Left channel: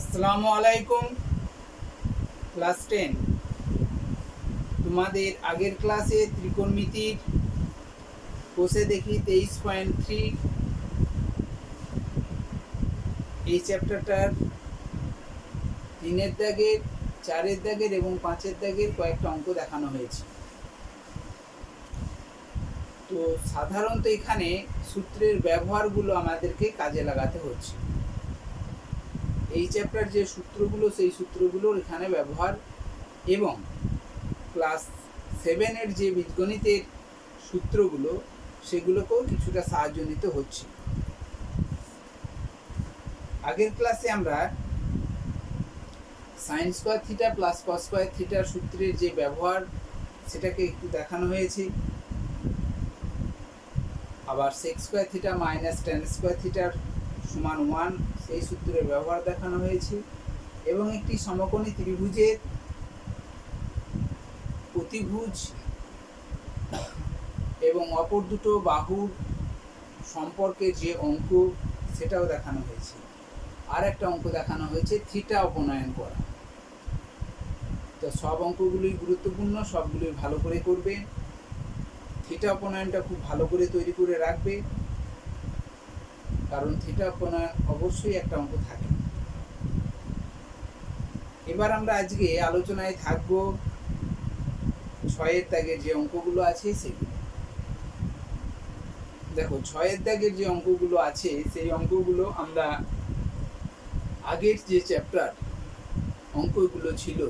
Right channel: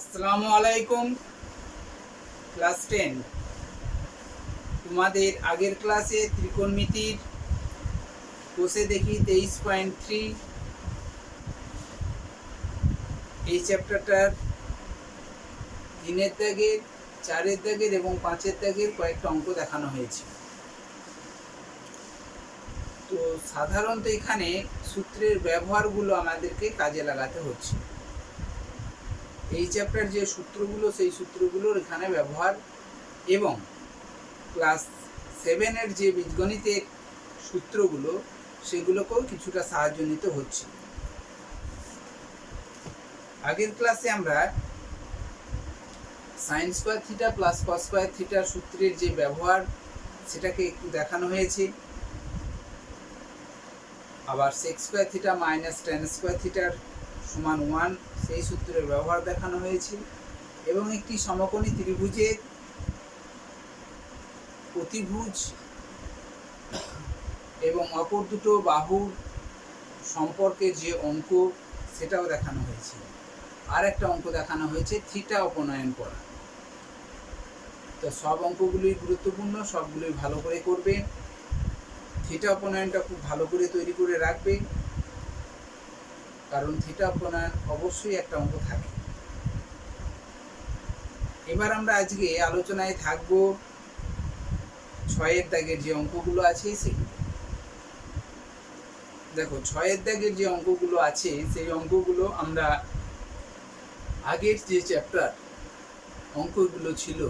আসসালামু আলাইকুম। ক্লাস 10 তোমাদের আগের ক্লাসে ত্রিকোণমিতির কোষে দেখি 23.3 এই চ্যাপ্টারটার 3-এর দাগের 4-এর দাগের এবং 5-এর দাগের কয়েকটা অঙ্ক দেখানো হয়েছে। তো সাধারণত এখানে সূত্রের ব্যবহারগুলো আমাদেরকে কাজে লাগাতে হচ্ছে। এই চ্যাপ্টার যে সূত্রগুলো সেই সূত্রগুলোর এখানে ব্যবহার এবং ক্লাস 7-এর যে বীজগণিতের সূত্রগুলো সেগুলোকেও কিছুটা সাহায্য নিতে হচ্ছে। আগের ক্লাসে আমরা sine square theta plus cos square থিটার সূত্রের যে ব্যবহার সেটাকে একটু দেখানো হয়েছে। আবার sec square theta minus tan square থিটার সমান 1 সেই সূত্রের ব্যবহার দেখানো হয়েছে এবং একটি সমকোণী ত্রিভুজের অতিভুজ এবং অপর দুটো বাহুর সম্পর্কের যে অঙ্ক সেটাও দেখানো হয়েছে। আর একটা অঙ্ক দেখানো হয়েছে থিটা উপনয়ন করা। তো সব অঙ্কগুলোই গুরুত্বপূর্ণ, সবগুলোই ভালো করে করবে। থিটা উপনয়নটা খুব ভালো করে তৈরি করে রাখবে, কারণ থিটা উপনয়ন অবশ্যই একটা অঙ্ক থাকে। এবার আমরা আজকে আলোচনায় থাকবো 6-এর দাগের যে অঙ্কগুলো আছে সেগুলো। দেখো 6-এর দাগের যে অঙ্কগুলো আছে সেই অঙ্কগুলো আমরা আগের যে চ্যাপ্টার অঙ্কগুলো ছিল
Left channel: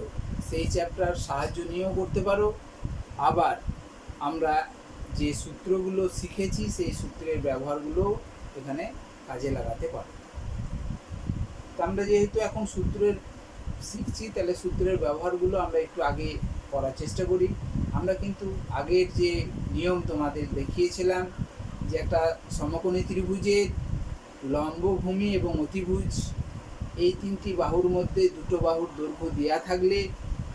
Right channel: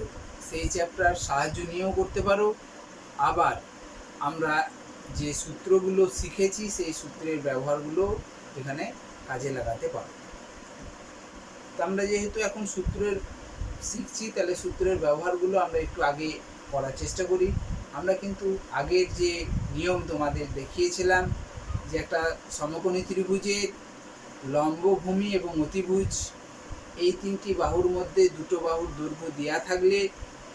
সেই চ্যাপ্টার সাহায্য নিয়েও করতে পারো, আবার আমরা যে সূত্রগুলো শিখেছি সেই সূত্রের ব্যবহারগুলো এখানে কাজে লাগাতে পারো। তো আমরা যেহেতু এখন সূত্রের শিখছি তাহলে সূত্রের ব্যবহারগুলো আমরা একটু আগে করার চেষ্টা করি। আমরা কিন্তু আগের যে নিয়ম তোমাদের দেখিয়েছিলাম যে একটা সমকোণী ত্রিভুজের লম্বভূমি এবং অতিভুজ এই তিনটি বাহুর মধ্যে দুটো বাহুর দৈর্ঘ্য দেওয়া থাকলে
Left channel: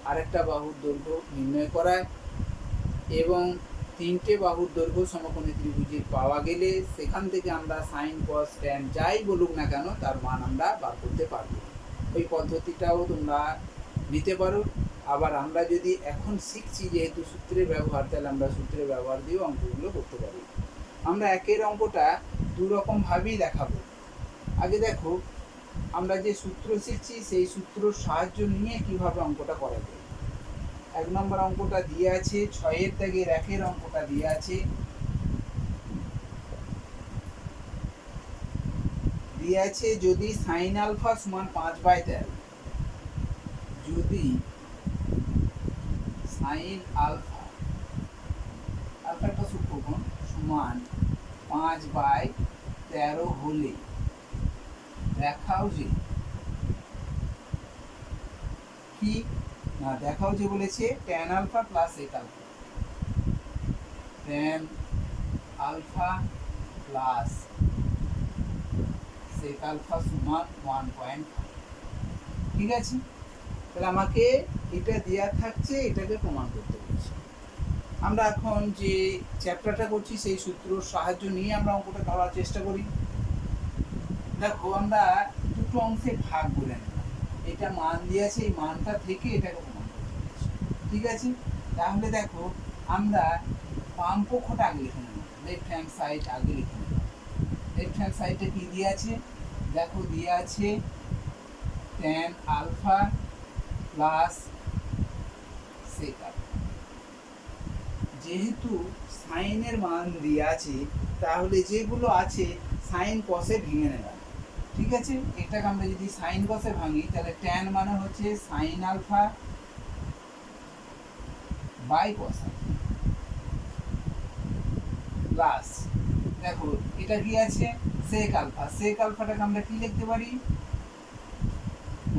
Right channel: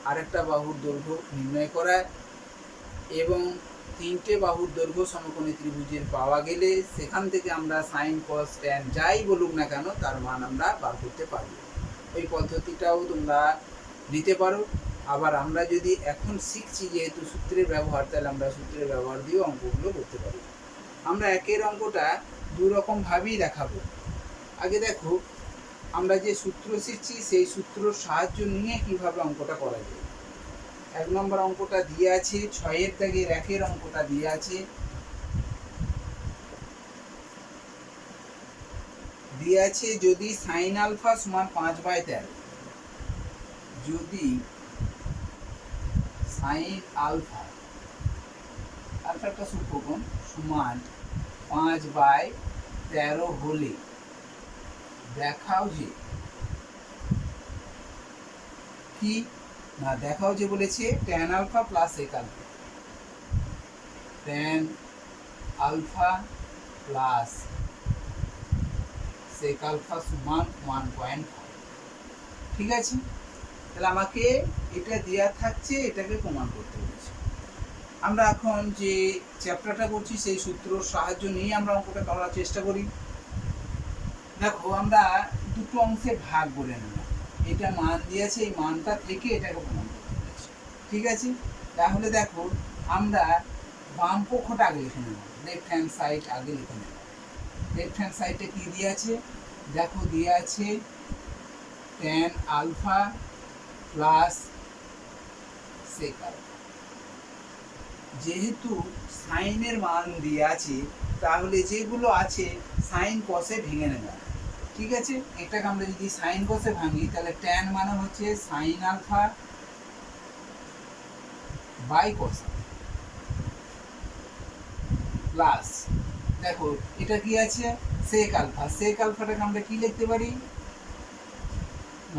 আরেকটা বাহুর দৈর্ঘ্য নির্ণয় করা এবং তিনটে বাহুর দৈর্ঘ্য সমকোণী ত্রিভুজের পাওয়া গেলে সেখান থেকে আমরা সাইন কস ট্যান যাই বলুক না কেন তার মান আমরা বার করতে পারবো। এই পদ্ধতিটাও তোমরা দিতে পারো। আবার আমরা যদি এখন শিখছি যেহেতু সূত্রের ব্যবহার, তাহলে আমরা সূত্রের ব্যবহার দিয়েও অঙ্কগুলো করতে পারি। আমরা একের অঙ্কটা দুরকমভাবেই দেখাবো। আগে দেখো আমরা যে সূত্র শিখছি সেই সূত্রর সাহায্য নিয়ে কিভাবে অঙ্কটা করা যায়। 1 নম্বর অঙ্কটা দিয়ে আছে 6-এর দাগের 1-এর অঙ্কটা দিয়ে আছে, যদি সাইন আলফা সমান 5/13, যদি সাইন আলফা একটা সূক্ষ্মকোণ সমান 5/13 হলে দেখাও যে কি না, দেখাও যে বলেছে tan alpha plus sec alpha, tan alpha plus sec alpha সমান 1.5। ঠিক আছে, তাহলে আমাকে এটা দেওয়া থাকছে, এটাকে প্রমাণ করতে বলেছে। আমরা এখন যে চ্যাপ্টারটা করছি সেই সূত্রর সাহায্য নিয়ে আমরা অঙ্কটা করার চেষ্টা করি। দেখো আমরা দুটো অংশে ভাগ বলে নিলাম, এটা মান দিয়েছে, এই মানটা থেকে এটাকে প্রমাণ করতে বলেছে। ঠিক আছে, তাহলে দেখো আমরা বাম পক্ষটা আগে লিখে নেব, লেফট হ্যান্ড সাইড আগে লিখে নেব। লেফট হ্যান্ড সাইডে কি দিয়ে আছে দেখো, দিয়ে আছে tan alpha plus sec alpha. যেহেতু সাইনের মান দিয়ে আছে তাহলে যেগুলো আছে সাইন কসে ভেঙে নেবে। ঠিক আছে, এটাকে আমরা যদি সাইন কসে ভাঙি তাহলে ট্যান মানে হচ্ছে sine alpha by cos alpha plus দেখো এটা কি আছে সেক আলফা। সেক আলফাটাকে আমরা কি লিখতে পারি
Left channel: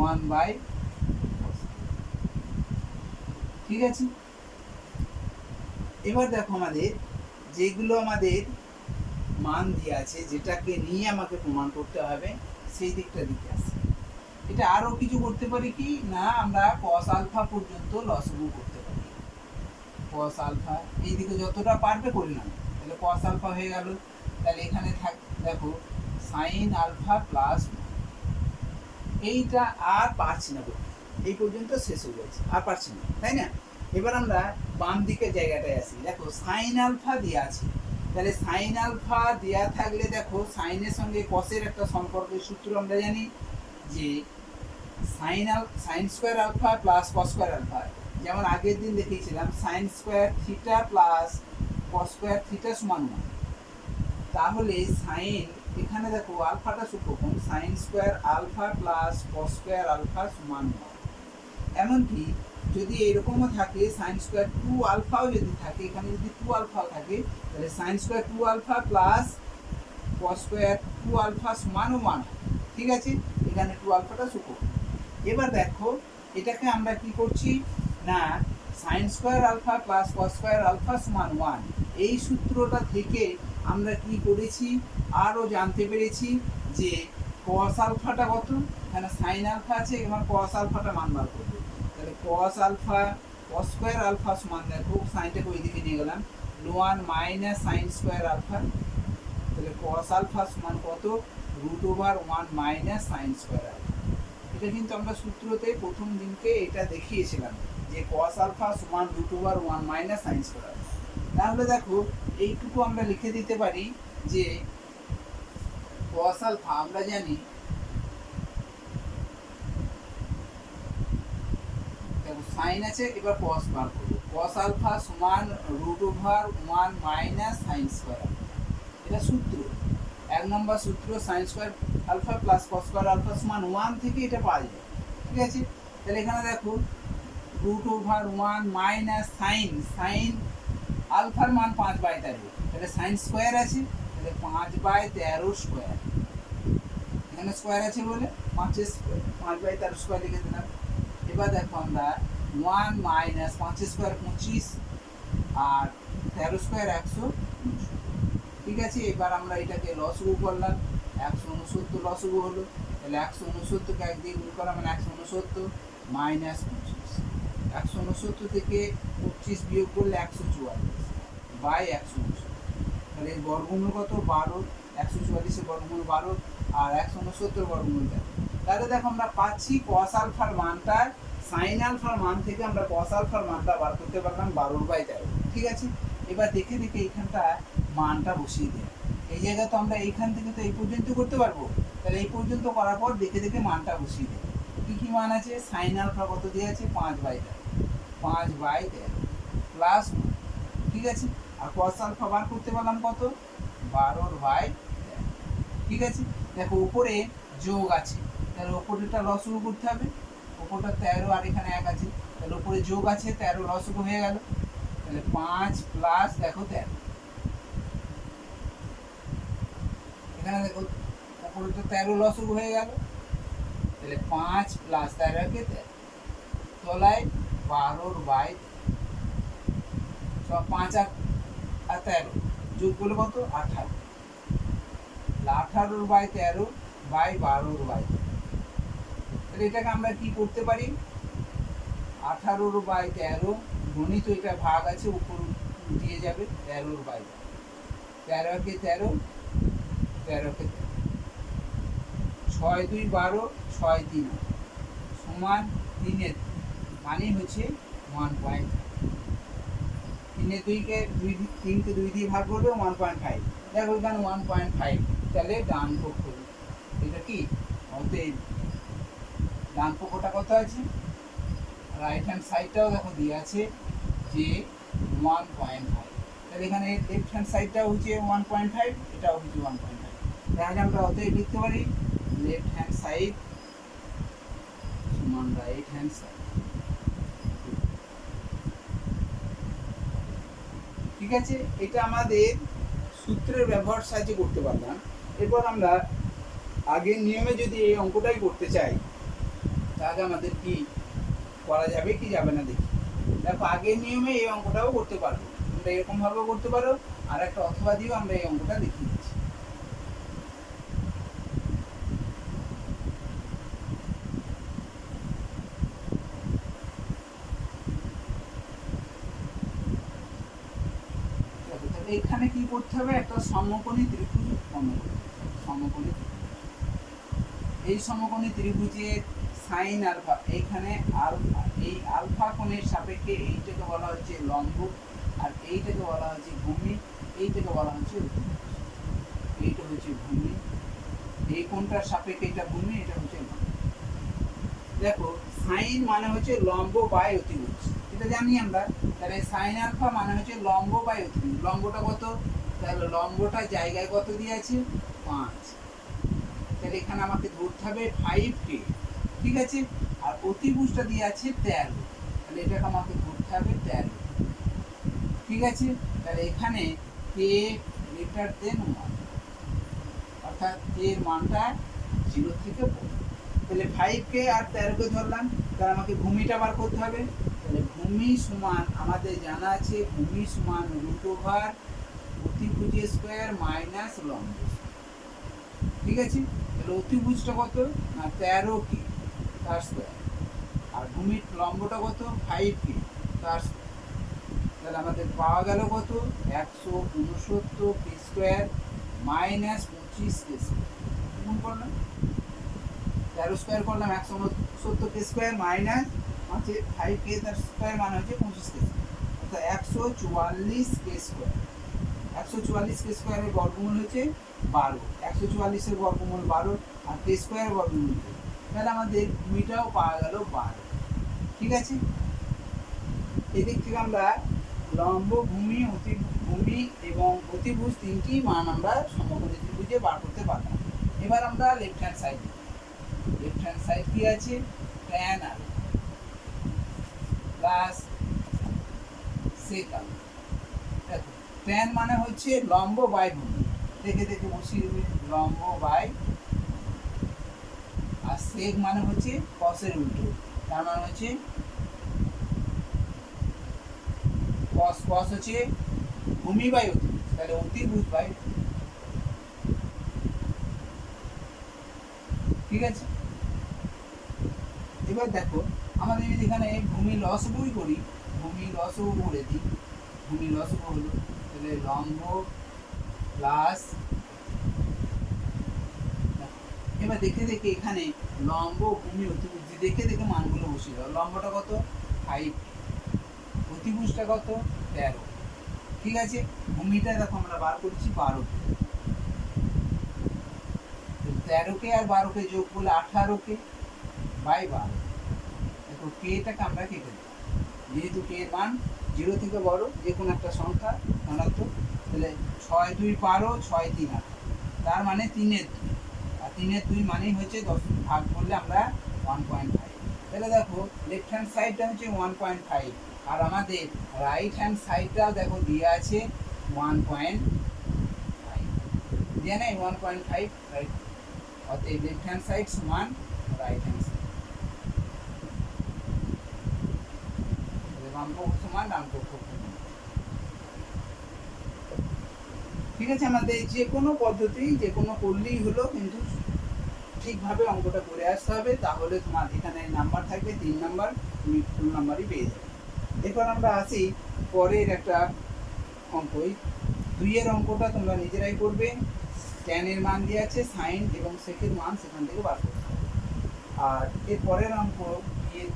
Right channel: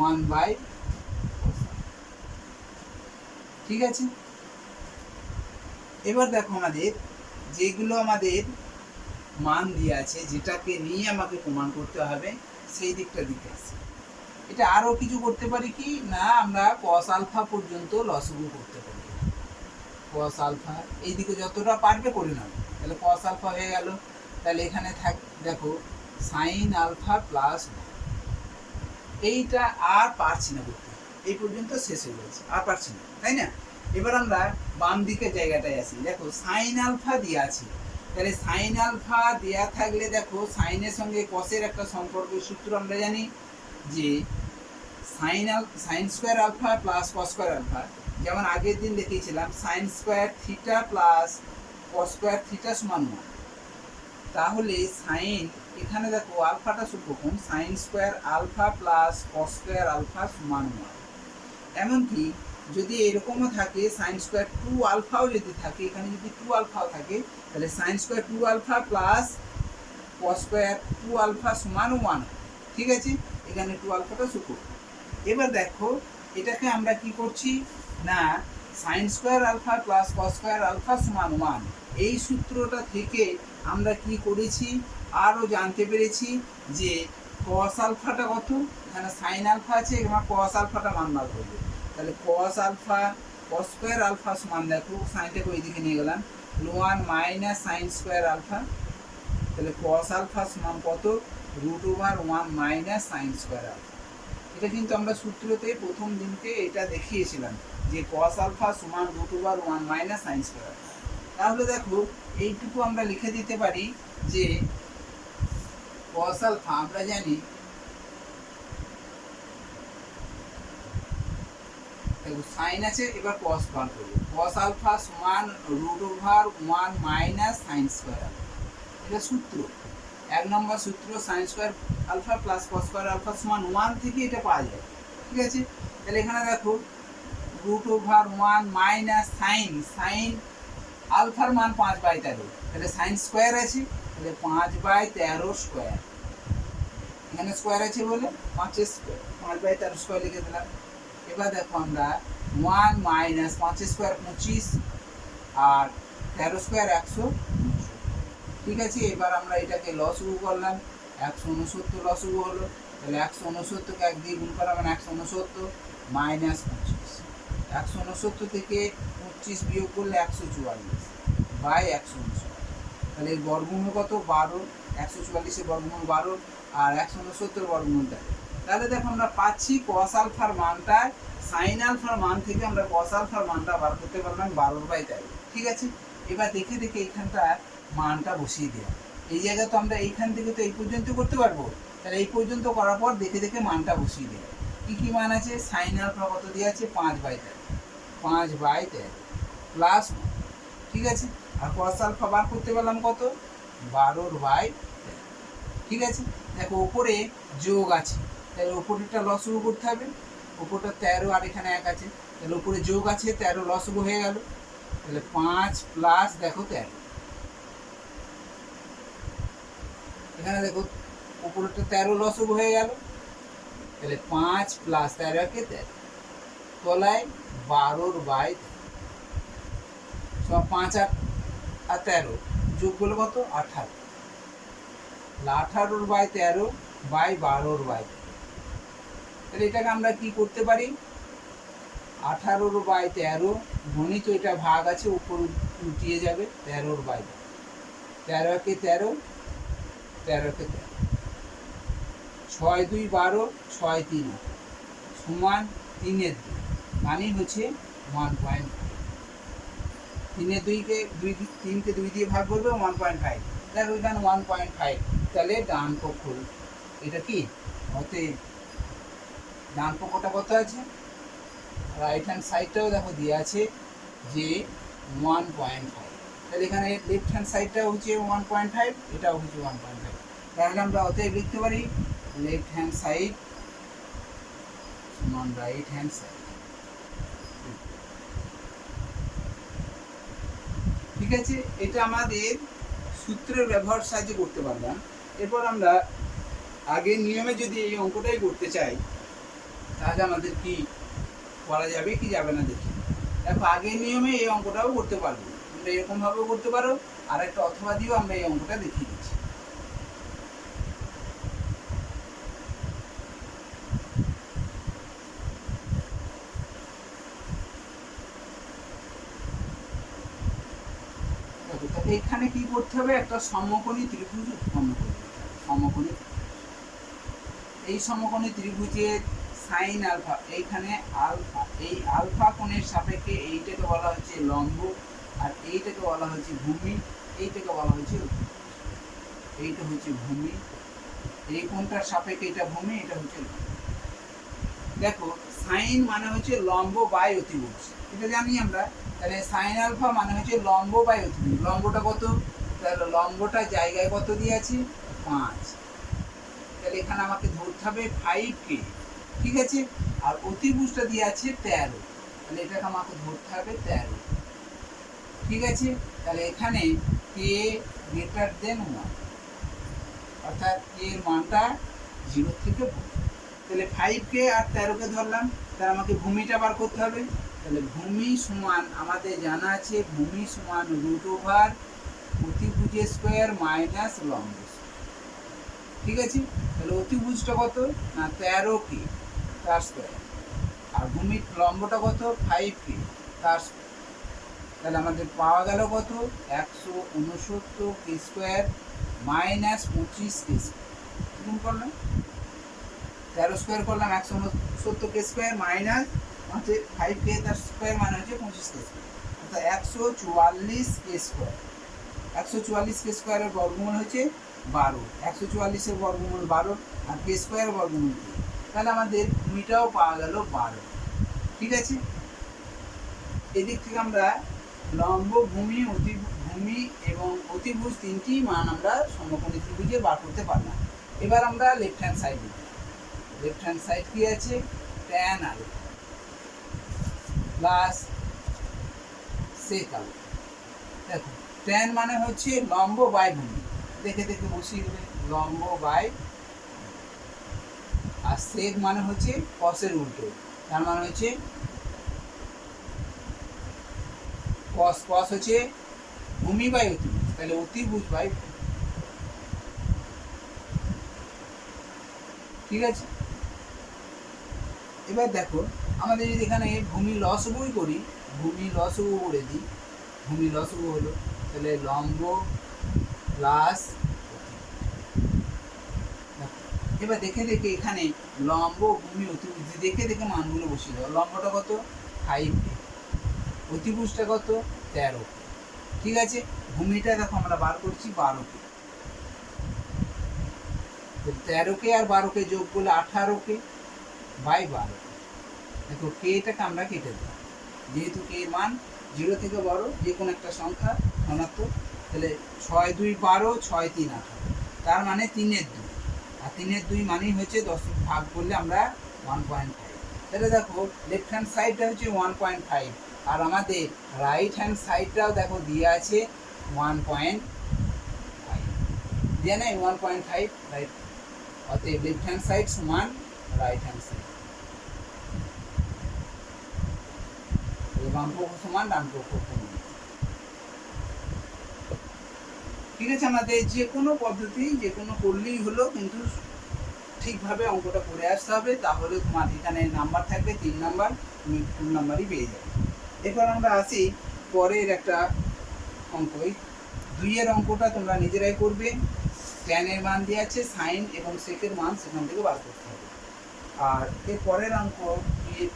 1/cos। ঠিক আছে, এবার দেখো আমাদের যেগুলো আমাদের মান দিয়ে আছে যেটাকে নিয়ে আমাকে প্রমাণ করতে হবে সেই দিকটা দিকে আছে। এটা আরও কিছু করতে পারি কি না, আমরা কস আলফা পর্যন্ত লসগু করতে পারি। কস আলফা এইদিকে যতটা পারবে করে নাও, তাহলে কস আলফা হয়ে গেল। তাহলে এখানে থাক দেখো সাইন আলফা প্লাস এইটা আর পারছি না করতে, এই পর্যন্ত শেষ হয়ে যাচ্ছে, আর পারছি না, তাই না? এবার আমরা বাম দিকের জায়গাটায় আসি। দেখো সাইন আলফা দেওয়া আছে, তাহলে সাইন আলফা দেওয়া থাকলে দেখো সাইনের সঙ্গে কসের একটা সম্পর্কের সূত্র আমরা জানি যে sine square alpha plus cos square alpha, যেমন আগের দিন দেখিয়েছিলাম sine square theta plus cos square theta সমান 1। তাহলে সাইন, এখানে দেখো আলফাটা সূত্রকম sine square alpha plus cos square alpha সমান 1। এমনকি যদি এরকমও থাকে সাইন স্কোয়ার 2 আলফাও যদি থাকে, এখানে যদি 2 আলফাও থাকে, তাহলে sine square 2 alpha plus cos square 2 alpha সমান 1। ঠিক আছে, এখানে 2 আলফাটা সূত্রকম। এবার দেখো এটাকে আমরা কি করছি না, sine square alpha plus cos square alpha সমান 1, এই সূত্রটা থেকে আমরা কি করেছি, আরও জানতে পেরেছি যে কস আলফাটা কত, এখানে সাইন আলফা আছে, এবার কস আলফাটা মান বার করবে। তাহলে cos alpha cos square alpha সমান, দেখো সাইনটাকে ওই দিকে নিয়ে গেলাম, 1 মাইনাস সাইন স্কোয়ার আলফা। তাহলে কস আলফা সমান কত, √1 মাইনাস সাইন স্কোয়ার আলফা। এটা কিন্তু আমরা সূত্রতে প্রথম দিনকে এটা দেখিয়েছিলাম যে কস আলফা সমান √1 মাইনাস সাইন স্কোয়ার আলফা। তাহলে দেখো এইটুকু আমরা লিখে দিতে পারি যে কস আলফা আমরা জানি, সাইন আছে, এবার কস বার করবো, কস আলফা সমান √1 মাইনাস সাইন স্কোয়ার আলফা। এটা সূত্র, 1 নম্বর সূত্র, sine square alpha plus cos square alpha সমান 1 থেকে এটা পাওয়া যায়। ঠিক আছে, তাহলে এখানে দেখো √1 মাইনাস সাইন আলফার মান 5/13, তাহলে সাইন স্কোয়ার আছে, তাহলে 5/13 স্কোয়ার, এখানে স্কোয়ার আছে বলে 5/13 স্কোয়ার লিখে দিলাম। এবার দেখো আমরা 1 মাইনাস 5 স্কোয়ার 25 আর 13 স্কোয়ার 100। ঠিক আছে, এবার আমরা এটাকে লসগু করলাম, 169 লসগু হলো, তাহলে 169কে 1 দিয়ে গুণ করা মানে 169 মাইনাস 25, 169 থেকে 25 বিয়োগ করলে 144 বাই 169, তাহলে এর বর্গমূল কত 12, 144 এর বর্গমূল 12 আর 169 বর্গমূল 13। তাহলে দেখো আমরা পাচ্ছি কস আলফার মানটা, সাইন আলফার মান থেকে আমরা কস আলফার মানটা বার করতে পারলাম 12/13। ঠিক আছে, এবার দেখে দেখে এইখানটা মানটা বসিয়ে দেওয়া, এই জায়গা তো আমরা এইখান থেকে তো এই পর্যন্ত করতে পারবো, তাহলে এই পর্যন্ত করার পর দেখে দেখে মানটা বসিয়ে দেওয়া। কী কী মান আছে, সাইন আলফা কত দিয়ে আছে 5/13 প্লাস, ঠিক আছে, আর কস আলফা বার করতে পারলাম কত 12/13। ঠিক আছে, দেখো ওপরে যোগ আছে, তাহলে ওপরেরটা লসগু করতে হবে, ওপরটা 13 আর এখানে 1 আছে, তাহলে ওপরে যোগ আছে 13 লসগু হয়ে গেল, তাহলে 5 প্লাস দেখো 13, এখানে দেখো ওপরেরটা 13 লসগু হয়ে গেল, তাহলে 5 প্লাস 13কে 13, তলায় 12/13, 5 আর 13 যোগ করলে কত 18, 18/13 বাই 12/13। তাহলে এটাকে আমরা কি করতে পারি, 18/13 গণিত, এটা ভাগ আছে উপর উঠিয়ে যাবে 13/13, 13কে 13, 13কে 13, 6 2 12, 6 3 সমান 3 মানে হচ্ছে 1.5, 3কে 2 দিয়ে ভাগ করবে 1.5, দেখো এখানে 1.5, তাহলে ডান পক্ষ এটা কি, অতএব ডান পক্ষটা কত আছে, রাইট হ্যান্ড সাইডটাও দেখো দিয়ে আছে যে 1.5, তাহলে এখানে লেফট হ্যান্ড সাইডটা হচ্ছে 1.5, এটাও হচ্ছে 1.5, তাহলে আমরা অতএব লিখতে পারি লেফট হ্যান্ড সাইড সমান রাইট হ্যান্ড সাইড। ঠিক আছে, এটা আমাদের সূত্রের ব্যবহার সাহায্যে করতে পারলাম। এরপর আমরা আগের নিয়মে যদি এই অঙ্কটাই করতে চাই তাহলে আমাদের কি করা যাবে কি যাবে না দেখি। দেখো আগের নিয়মে এই অঙ্কটাও করতে পারবো, তোমরা এরকমভাবেও করতে পারো, আর একটা অথবা দিয়েও আমরা এই অঙ্কটা দেখিয়ে দিচ্ছি। এখানে কি করতে হবে, একটা সমকোণী ত্রিভুজ অঙ্কন করতে হবে, সমকোণী এই সমকোণী ত্রিভুজের সাইন আলফা, এইখানে আলফা, এই আলফা কোণের সাপেক্ষে এইটাকে বলা হচ্ছে লম্ব, আর এইটাকে বলা হচ্ছে ভূমি, এইটাকে বলা হচ্ছে অতিভুজ। এইটা হচ্ছে ভূমি, এই কোণটার সাপেক্ষে এটা ভূমি, এটা হচ্ছে লম্ব। দেখো সাইন মানে হচ্ছে লম্ব বাই অতিভুজ, এটা জানি আমরা। তাহলে সাইন আলফা মানে হচ্ছে লম্ব বাই অতিভুজ। লম্বটা কত? তাহলে লম্বটা জায়গায় কত দিয়ে আছে? 5। তাহলে এখানে আমাকে ধরতে হবে 5K, ঠিক আছে। আর অতিভুজটা দিয়ে আছে 13, তাহলে এটাকে আমাকে ধরতে হবে 13, ঠিক আছে। তাহলে এখানে K গ্রেটার দেন 1, অর্থাৎ K এর মানটা 0 থেকে বড়। তাহলে 5K আর 13কে ধরলাম, তাহলে আমাকে ভূমিটা বার করতে হবে। তাহলে ভূমি সমান আমাদের জানা আছে, ভূমি সমান √, অতিভুজের স্কোয়ার মাইনাস লম্ব, ঠিক আছে। তাহলে অতিভুজটা কত? না 13K তার স্কোয়ার, আর ভূমির লম্বটা কত? 5K তার স্কোয়ার। তাহলে আমাদের পাওয়া গেল কত? 169K square minus 25K square. গুণ করলাম, 13 স্কোয়ার করলাম 169K স্কোয়ার মাইনাস হচ্ছে 5K তার স্কোয়ার মানে হচ্ছে 25K স্কোয়ার, অর্থাৎ 144K স্কোয়ার। 144K স্কোয়ারের বর্গমূল হচ্ছে 12, 144-এর বর্গমূল 12, আর K স্কোয়ারের বর্গমূল 2। তাহলে আমাদের ভূমিটাও পাওয়া গেল 12, ঠিক আছে। এদিক থেকে আমরা লম্ব, ভূমি, ভূমি এবং অতিভুজ তিনটি মান আমরা সমকোণী ত্রিভুজে বার করতে পারলাম। এবার আমরা left hand side, left hand side কি আছে? tan alpha plus sec alpha. দেখো tan মানে হচ্ছে লম্ব বাই ভূমি, দেখে দেখে বসিয়ে দেবে, লম্ব বাই, আর sec মানে হচ্ছে cos-এর উল্টো, তার মানে হচ্ছে cos, cos হচ্ছে ভূমি বাই অতিভুজ, তাহলে অতিভুজ বাই, ঠিক আছে। এবার দেখো আমাদের যদি এখানে ভূমি লসগুই করি, ভূমি লসগু করে দিই, ভূমি লসগু হলো তাহলে লম্ব প্লাস, এবার দেখে দেখে এখানে লম্ব, ভূমি, অতিভুজ দেখে দেখে মানগুলো বসিয়ে দাও। লম্বটা কত? 5, অতিভুজটা কত? 13, ঠিক আছে। ভূমিটা দেখো আমরা বার করছি 12K, 13K আর 12K যোগ করলে 18K বাই 12। দেখো Kটাকে আমরা কেটে দেবো, যেহেতু K এর মান 0 থেকে বড়, যে কোনো একটা সংখ্যা ধনাত্মক, তাহলে 6 2 12, 6 3 18, তার মানে 3-এর 2, আর 3-এর 2 মানেই হচ্ছে 10 ভাগ করলে আমরা 1.5। তাহলে দেখো লেফট হ্যান্ড সাইডটা হচ্ছে 1.5, আর আমাদের রাইট হ্যান্ড সাইডটাও দেখো দিয়ে আছে 1.5, দিয়ে নেই 1.5, রাইট। অতএব লেফট হ্যান্ড সাইড সমান রাইট হ্যান্ড সাইড, বাম পক্ষ সমান ডান পক্ষ সমান, ঠিক আছে। আমাদের যে কোনো পদ্ধতি, যে কোনো করলেই হলো, কিন্তু ঠিকভাবে অঙ্কটা করে আসতে হবে, তাহলে তোমার এখানে নাম্বার থাকবে 3 নাম্বার, তুমি ফুল নাম্বারই পেয়ে যাবে। এরপর আমরা আসি পরের একটা অঙ্ক, এই 2-এর অঙ্কটা তোমরা নিজেরাই করবে। tan এর মান দিয়ে আছে, সাইন এবং সেকের মান সেখান থেকে বার করতে হবে। আর এর পরের অঙ্ক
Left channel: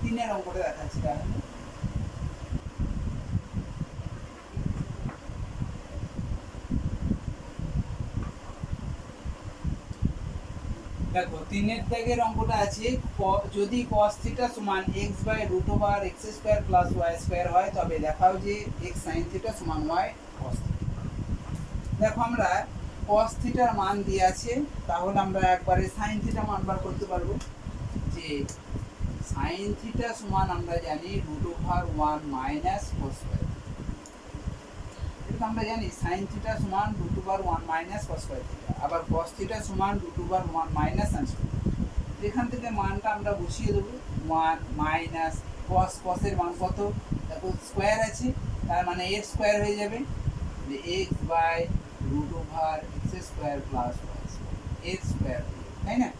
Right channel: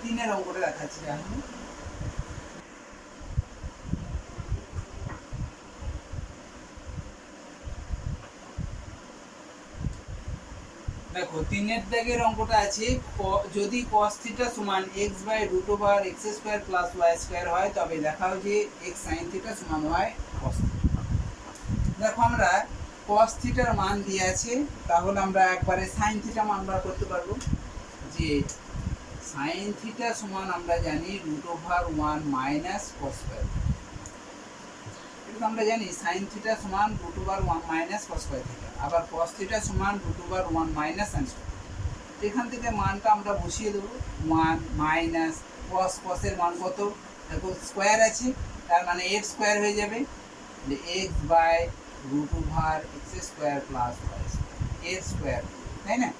3-এর অঙ্কটা দেখাচ্ছি এখন। দেখো 3-এর দাগের অঙ্কটা আছে, যদি cos θ সমান x by √x² plus y² হয়, তবে দেখাও যে x sin θ সমান y cos θ। দেখো আমরা cos θ এর মান দিয়ে আছে, তাহলে আমরা একবারে sin θ মান বার করতে পারবো, যে sin θ সমান আমরা জানি √1 মাইনাস cos²। এটা আমরা জানি sin θ সমান √1 মাইনাস cos², আবার cos θ সমান √1 মাইনাস sin²। এখান থেকে মানটা আমরা বসিয়ে দেবো, 1 মাইনাস cos, cos এর মান কত? দেখো স্কোয়ার আছে, তার মানে x² হয়ে যাবে, x by √x² plus y², তাই না?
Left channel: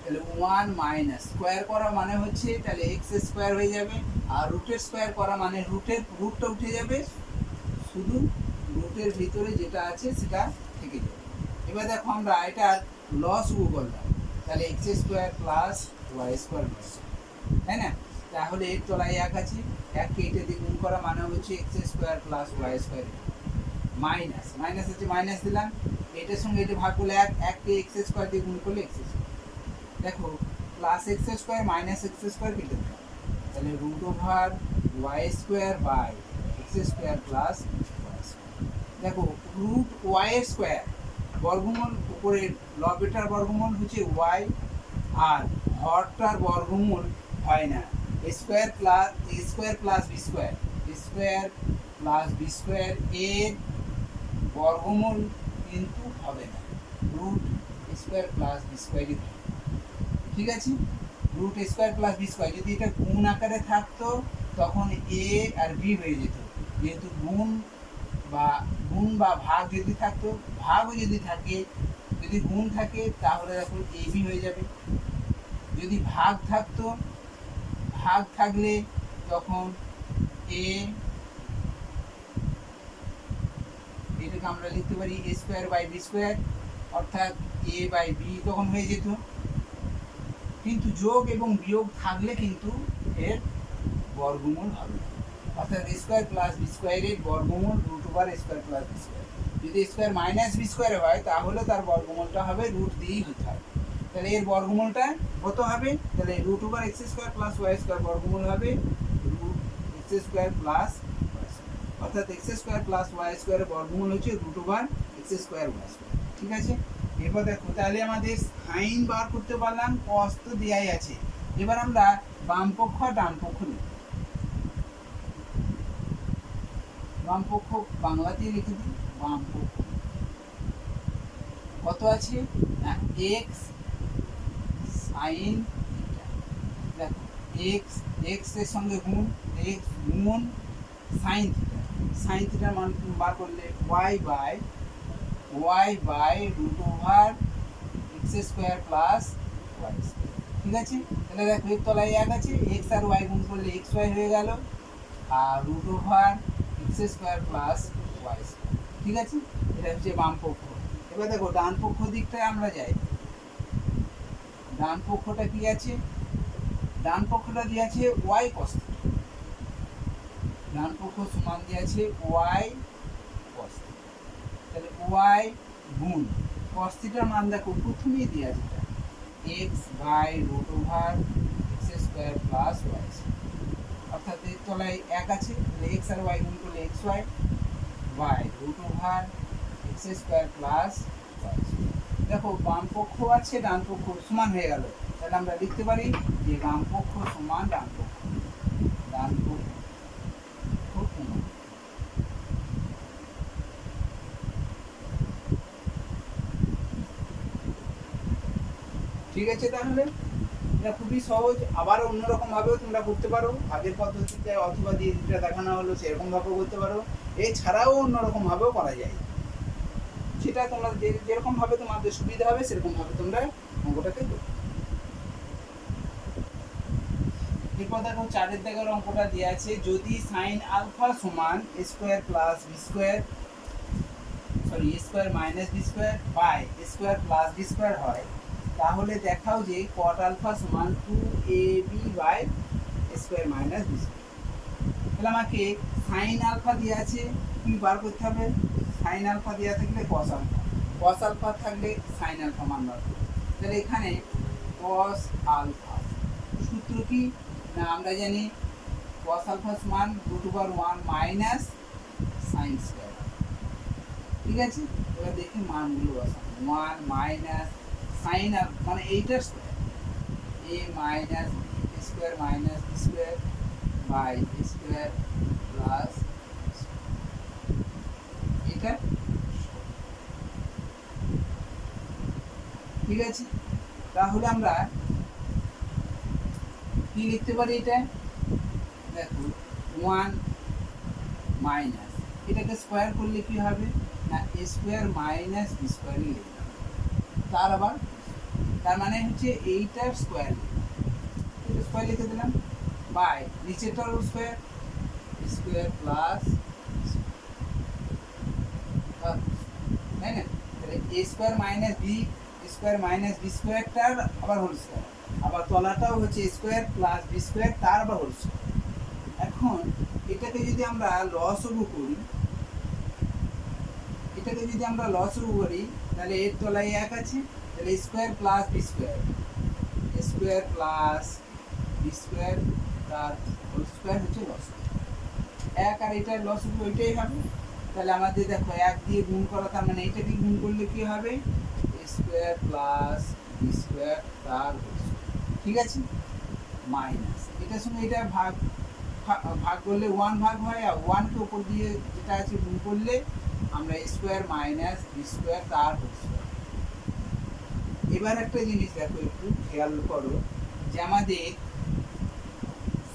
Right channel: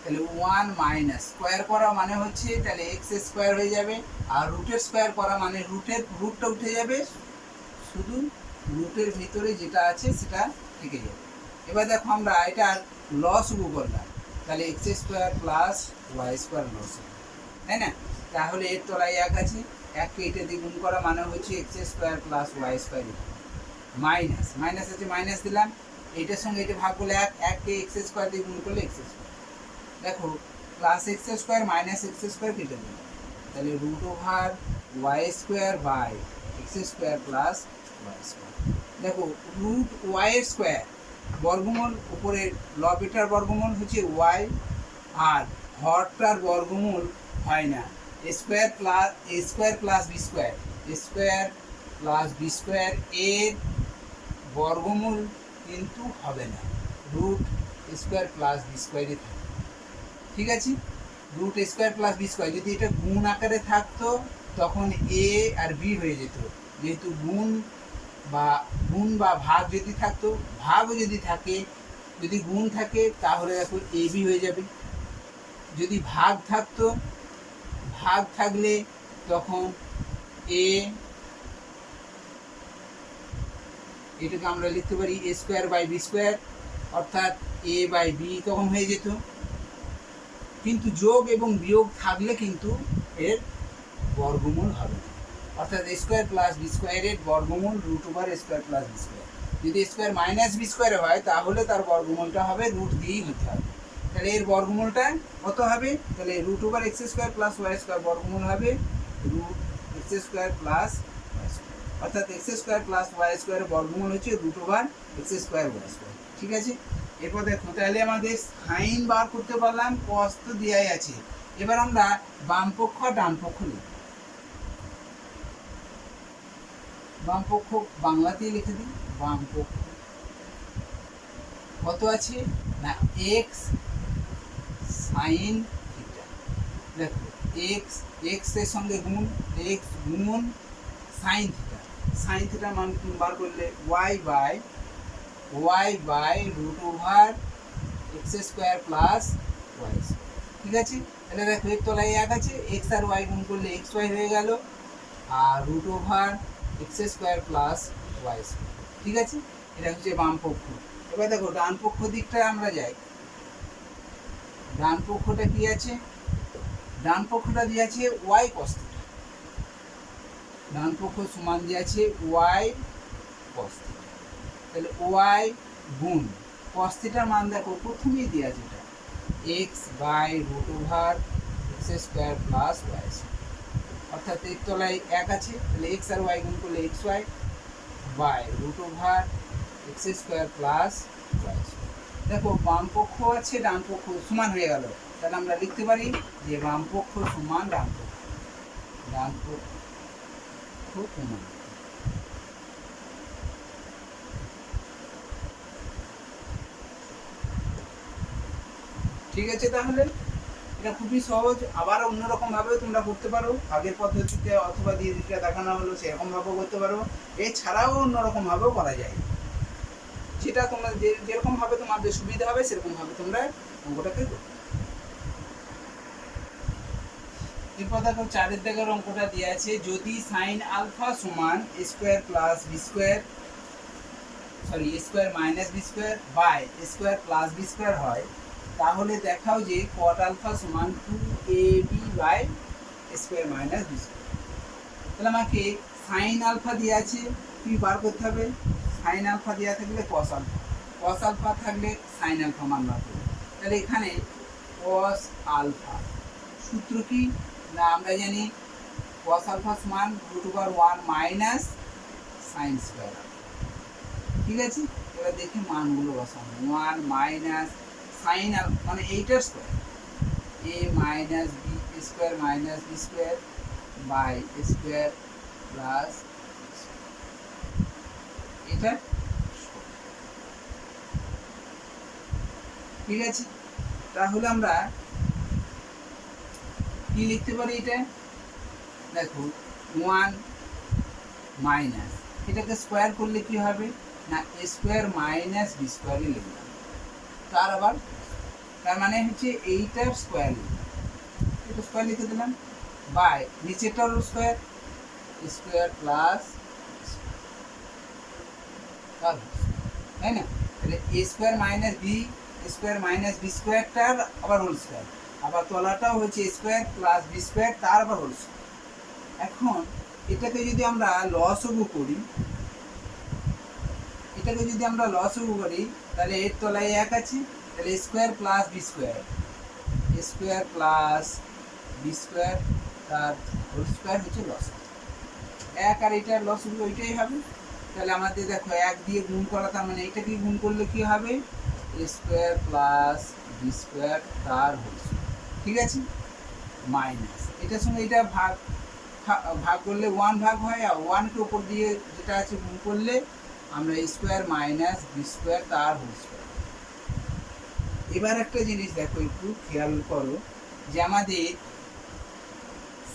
তাহলে 1 মাইনাস স্কোয়ার করা মানে হচ্ছে তাহলে x² হয়ে যাবে, আর রুটের স্কোয়ার করা মানে রুটটা উঠে যাবে, শুধু রুটের ভিতরে যেটা আছে সেটা থেকে যাবে। এবার দেখো আমরা এটা লসগু করলাম, তাহলে x square plus y square লস, তাই না? তাহলে এর তলায় এক আছে, এককে এটা দিয়ে গুণ করা মানে হচ্ছে x square plus y square, minus minus আছে মাইনাস দিলাম, এটার সঙ্গে এটা ভাগ করলে এককে এক্স স্কোয়ার দিয়ে গুণ করলে এক্স স্কোয়ার, দেখো plus x square minus x square কেটে দেবে, তাহলে root over y square by x square plus y square. দেখো রুট ওয়াই স্কোয়ার বর্গমূল, উপরের লবেটার বর্গমূল হচ্ছে ওয়াই, আর হরটার বর্গমূল হয় না, square plus b square, square plus b square এর বর্গমূল কিন্তু হবে না, রুট স্কোয়ার প্লাস বি স্কোয়ারই থাকে, ঠিক আছে? Root square plus b square, যদি এটা গুণ আকারে থাকতো তখন এ আর বি হয়ে যেত, যেহেতু গুণ বা ভাগ যদি থাকতো, ভাগও যদি থাকে, যদি গুণ থাকে তাহলে দেখো এ বি হয়ে যাবে, যদি ভাগ থাকতো, ভাগ থাকলে তখন এ, এটাকে আমরা লিখতে পারি এ স্কোয়ার বাই বি স্কোয়ার, অর্থাৎ এ বাই বি তখন হয়ে যেত, কিন্তু যোগ এবং বিয়োগ থাকলে কিন্তু এর বর্গমূল হবে না, অর্থাৎ এ স্কোয়ার প্লাস বি স্কোয়ারের বর্গমূল root over square plus b square, যদি স্কোয়ার মাইনাস বি স্কোয়ারে হয় তাহলে তার বর্গমূলটা হবে রুট দিয়েই হতে হবে, তাহলে এর বর্গমূলটা কত হবে, তাহলে root over x square plus y square বর্গমূল হবে root x square plus y square, অর্থাৎ এক্স স্কোয়ার প্লাস ওয়াই স্কোয়ারের বর্গমূল হচ্ছে root over x square y square, ঠিক আছে? এরপর দেখো তাহলে আমাদের সাইন বার করতে পারলাম, কস তো দেওয়াই আছে, এবার আমরা বাম পক্ষ ডান পক্ষ নিই, বাম পক্ষ বাংলাতেই লিখে দিই, বাম পক্ষ কত আছে না এক্স সাইন থিটা, দেখো এক্স, এক্স এর সঙ্গে গুণ, এক্স গুণ সাইন থিটা, সাইন থিটার মান বার করলে y by root over x square plus y square, ঠিক আছে? তাহলে দেখো এর তলায় এক আছে, এক্স আর ওয়াই গুণ করলে এক্স ওয়াই হয়ে গেল, আর root over x square plus y square, ঠিক আছে? এটা হচ্ছে বাম পক্ষ। এবার দেখো ডান পক্ষ দিকটা আমরা যাই, ডান পক্ষটা কি আছে, ডান পক্ষটা দিয়ে আছে ওয়াই কস থিটা, ডান পক্ষ সমান দিয়ে আছে ওয়াই কস থিটা, তাহলে ওয়াই গুণ কস থিটার মান দেখো প্রথমেই দিয়ে আছে এটা x by root over x square plus y square, অর্থাৎ এর তলায় এক আছে, তাহলে এক্স আর ওয়াই গুণ করলে x y by root over x square plus y square. দেখো বাম পক্ষ আছে ডান পক্ষ সমান হয়ে গেল, তাহলে আমরা লিখতে পারি যে বাম পক্ষ সমান ডান পক্ষ, ডান পক্ষ সমান, ঠিক আছে? তাহলে এটা খুবই সহজ, আবার অন্যরকম ভাবেও তোমরা করতে পারো, আগের পদ্ধতিতে অথবা দিয়ে যেটা দেখানো হলো সেরকম ভাবেও করতে পারো, এছাড়াও অন্যরকম ভাবেও করা যায়, যেটা তোমরা যেরকম ভাবে তোমাদের সুবিধা হবে সেরকম ভাবে তোমরা অঙ্কটাকে করবে। এরপর দেখো চারের দাগের অঙ্কটা দেওয়া আছে, যদি সাইন আলফা সমান square plus b square, sorry square minus b square by square plus b square হয়, তাহলে দেখাও যে কট আলফা সমান 2ab by square minus b square. তাহলে আমাকে সাইন আলফা দিয়ে আছে, কি বার করতে হবে, সাইন আলফা দেওয়া থাকলে কস আলফা, কস আলফা থাকলে সাইন আলফা মান বার করবে, তাহলে এখানে কস আলফা সূত্র কি না আমরা জানি কস আলফা সমান root over 1 minus sine square, ঠিক আছে? এবার দেখি মানগুলো বসানো, 1 মাইনাস সাইন আলফা মানে এইটার square, a minus b square minus b square by square plus এটা, ঠিক আছে? তাহলে আমরা কি লিখতে পারি, এটা দেখো 1 মাইনাস, এটাকে স্কোয়ার করলে কি হবে না স্কোয়ার মাইনাস বি স্কোয়ারই লিখবে, তার মানে হচ্ছে এইটার স্কোয়ার লিখবে, এটা স্কোয়ার লিখে দিলাম বাই নিচেরটার স্কোয়ার, স্কোয়ার প্লাস, তাই না? তাহলে a square minus b square minus b স্কোয়ারটার আবার হোল স্কোয়ার, আবার তলাটাও হচ্ছে স্কোয়ার প্লাস বি স্কোয়ার তার আবার হোল স্কোয়ার। এখন এটাকে যদি আমরা লসাগু করি, এটাকে যদি আমরা লসাগু করি তাহলে এর তলায় এক আছে, তাহলে square plus b square, square plus b square তার হোল স্কোয়ার হচ্ছে লসাগু। এক আর এটার লসাগু ওইটাই হবে। তাহলে আমাদের দেখো এক দিয়ে গুণ করা, তার মানে এইটাকে গুণ করলে কি হবে, স্কোয়ার প্লাস বি স্কোয়ার তার হোল স্কোয়ার, ঠিক আছে, মাইনাস এটার সঙ্গে এটা ভাগ ভাগ করলে ওয়ান ভাগ হয়, আর ওয়ানকে উপর দিয়ে যেটা আছে গুণ করলে আমরা স্কোয়ার মাইনাস বি স্কোয়ার তার হোল স্কোয়ার। এবার একটা জিনিস দেখো, একটু খেয়াল করো যে আমাদের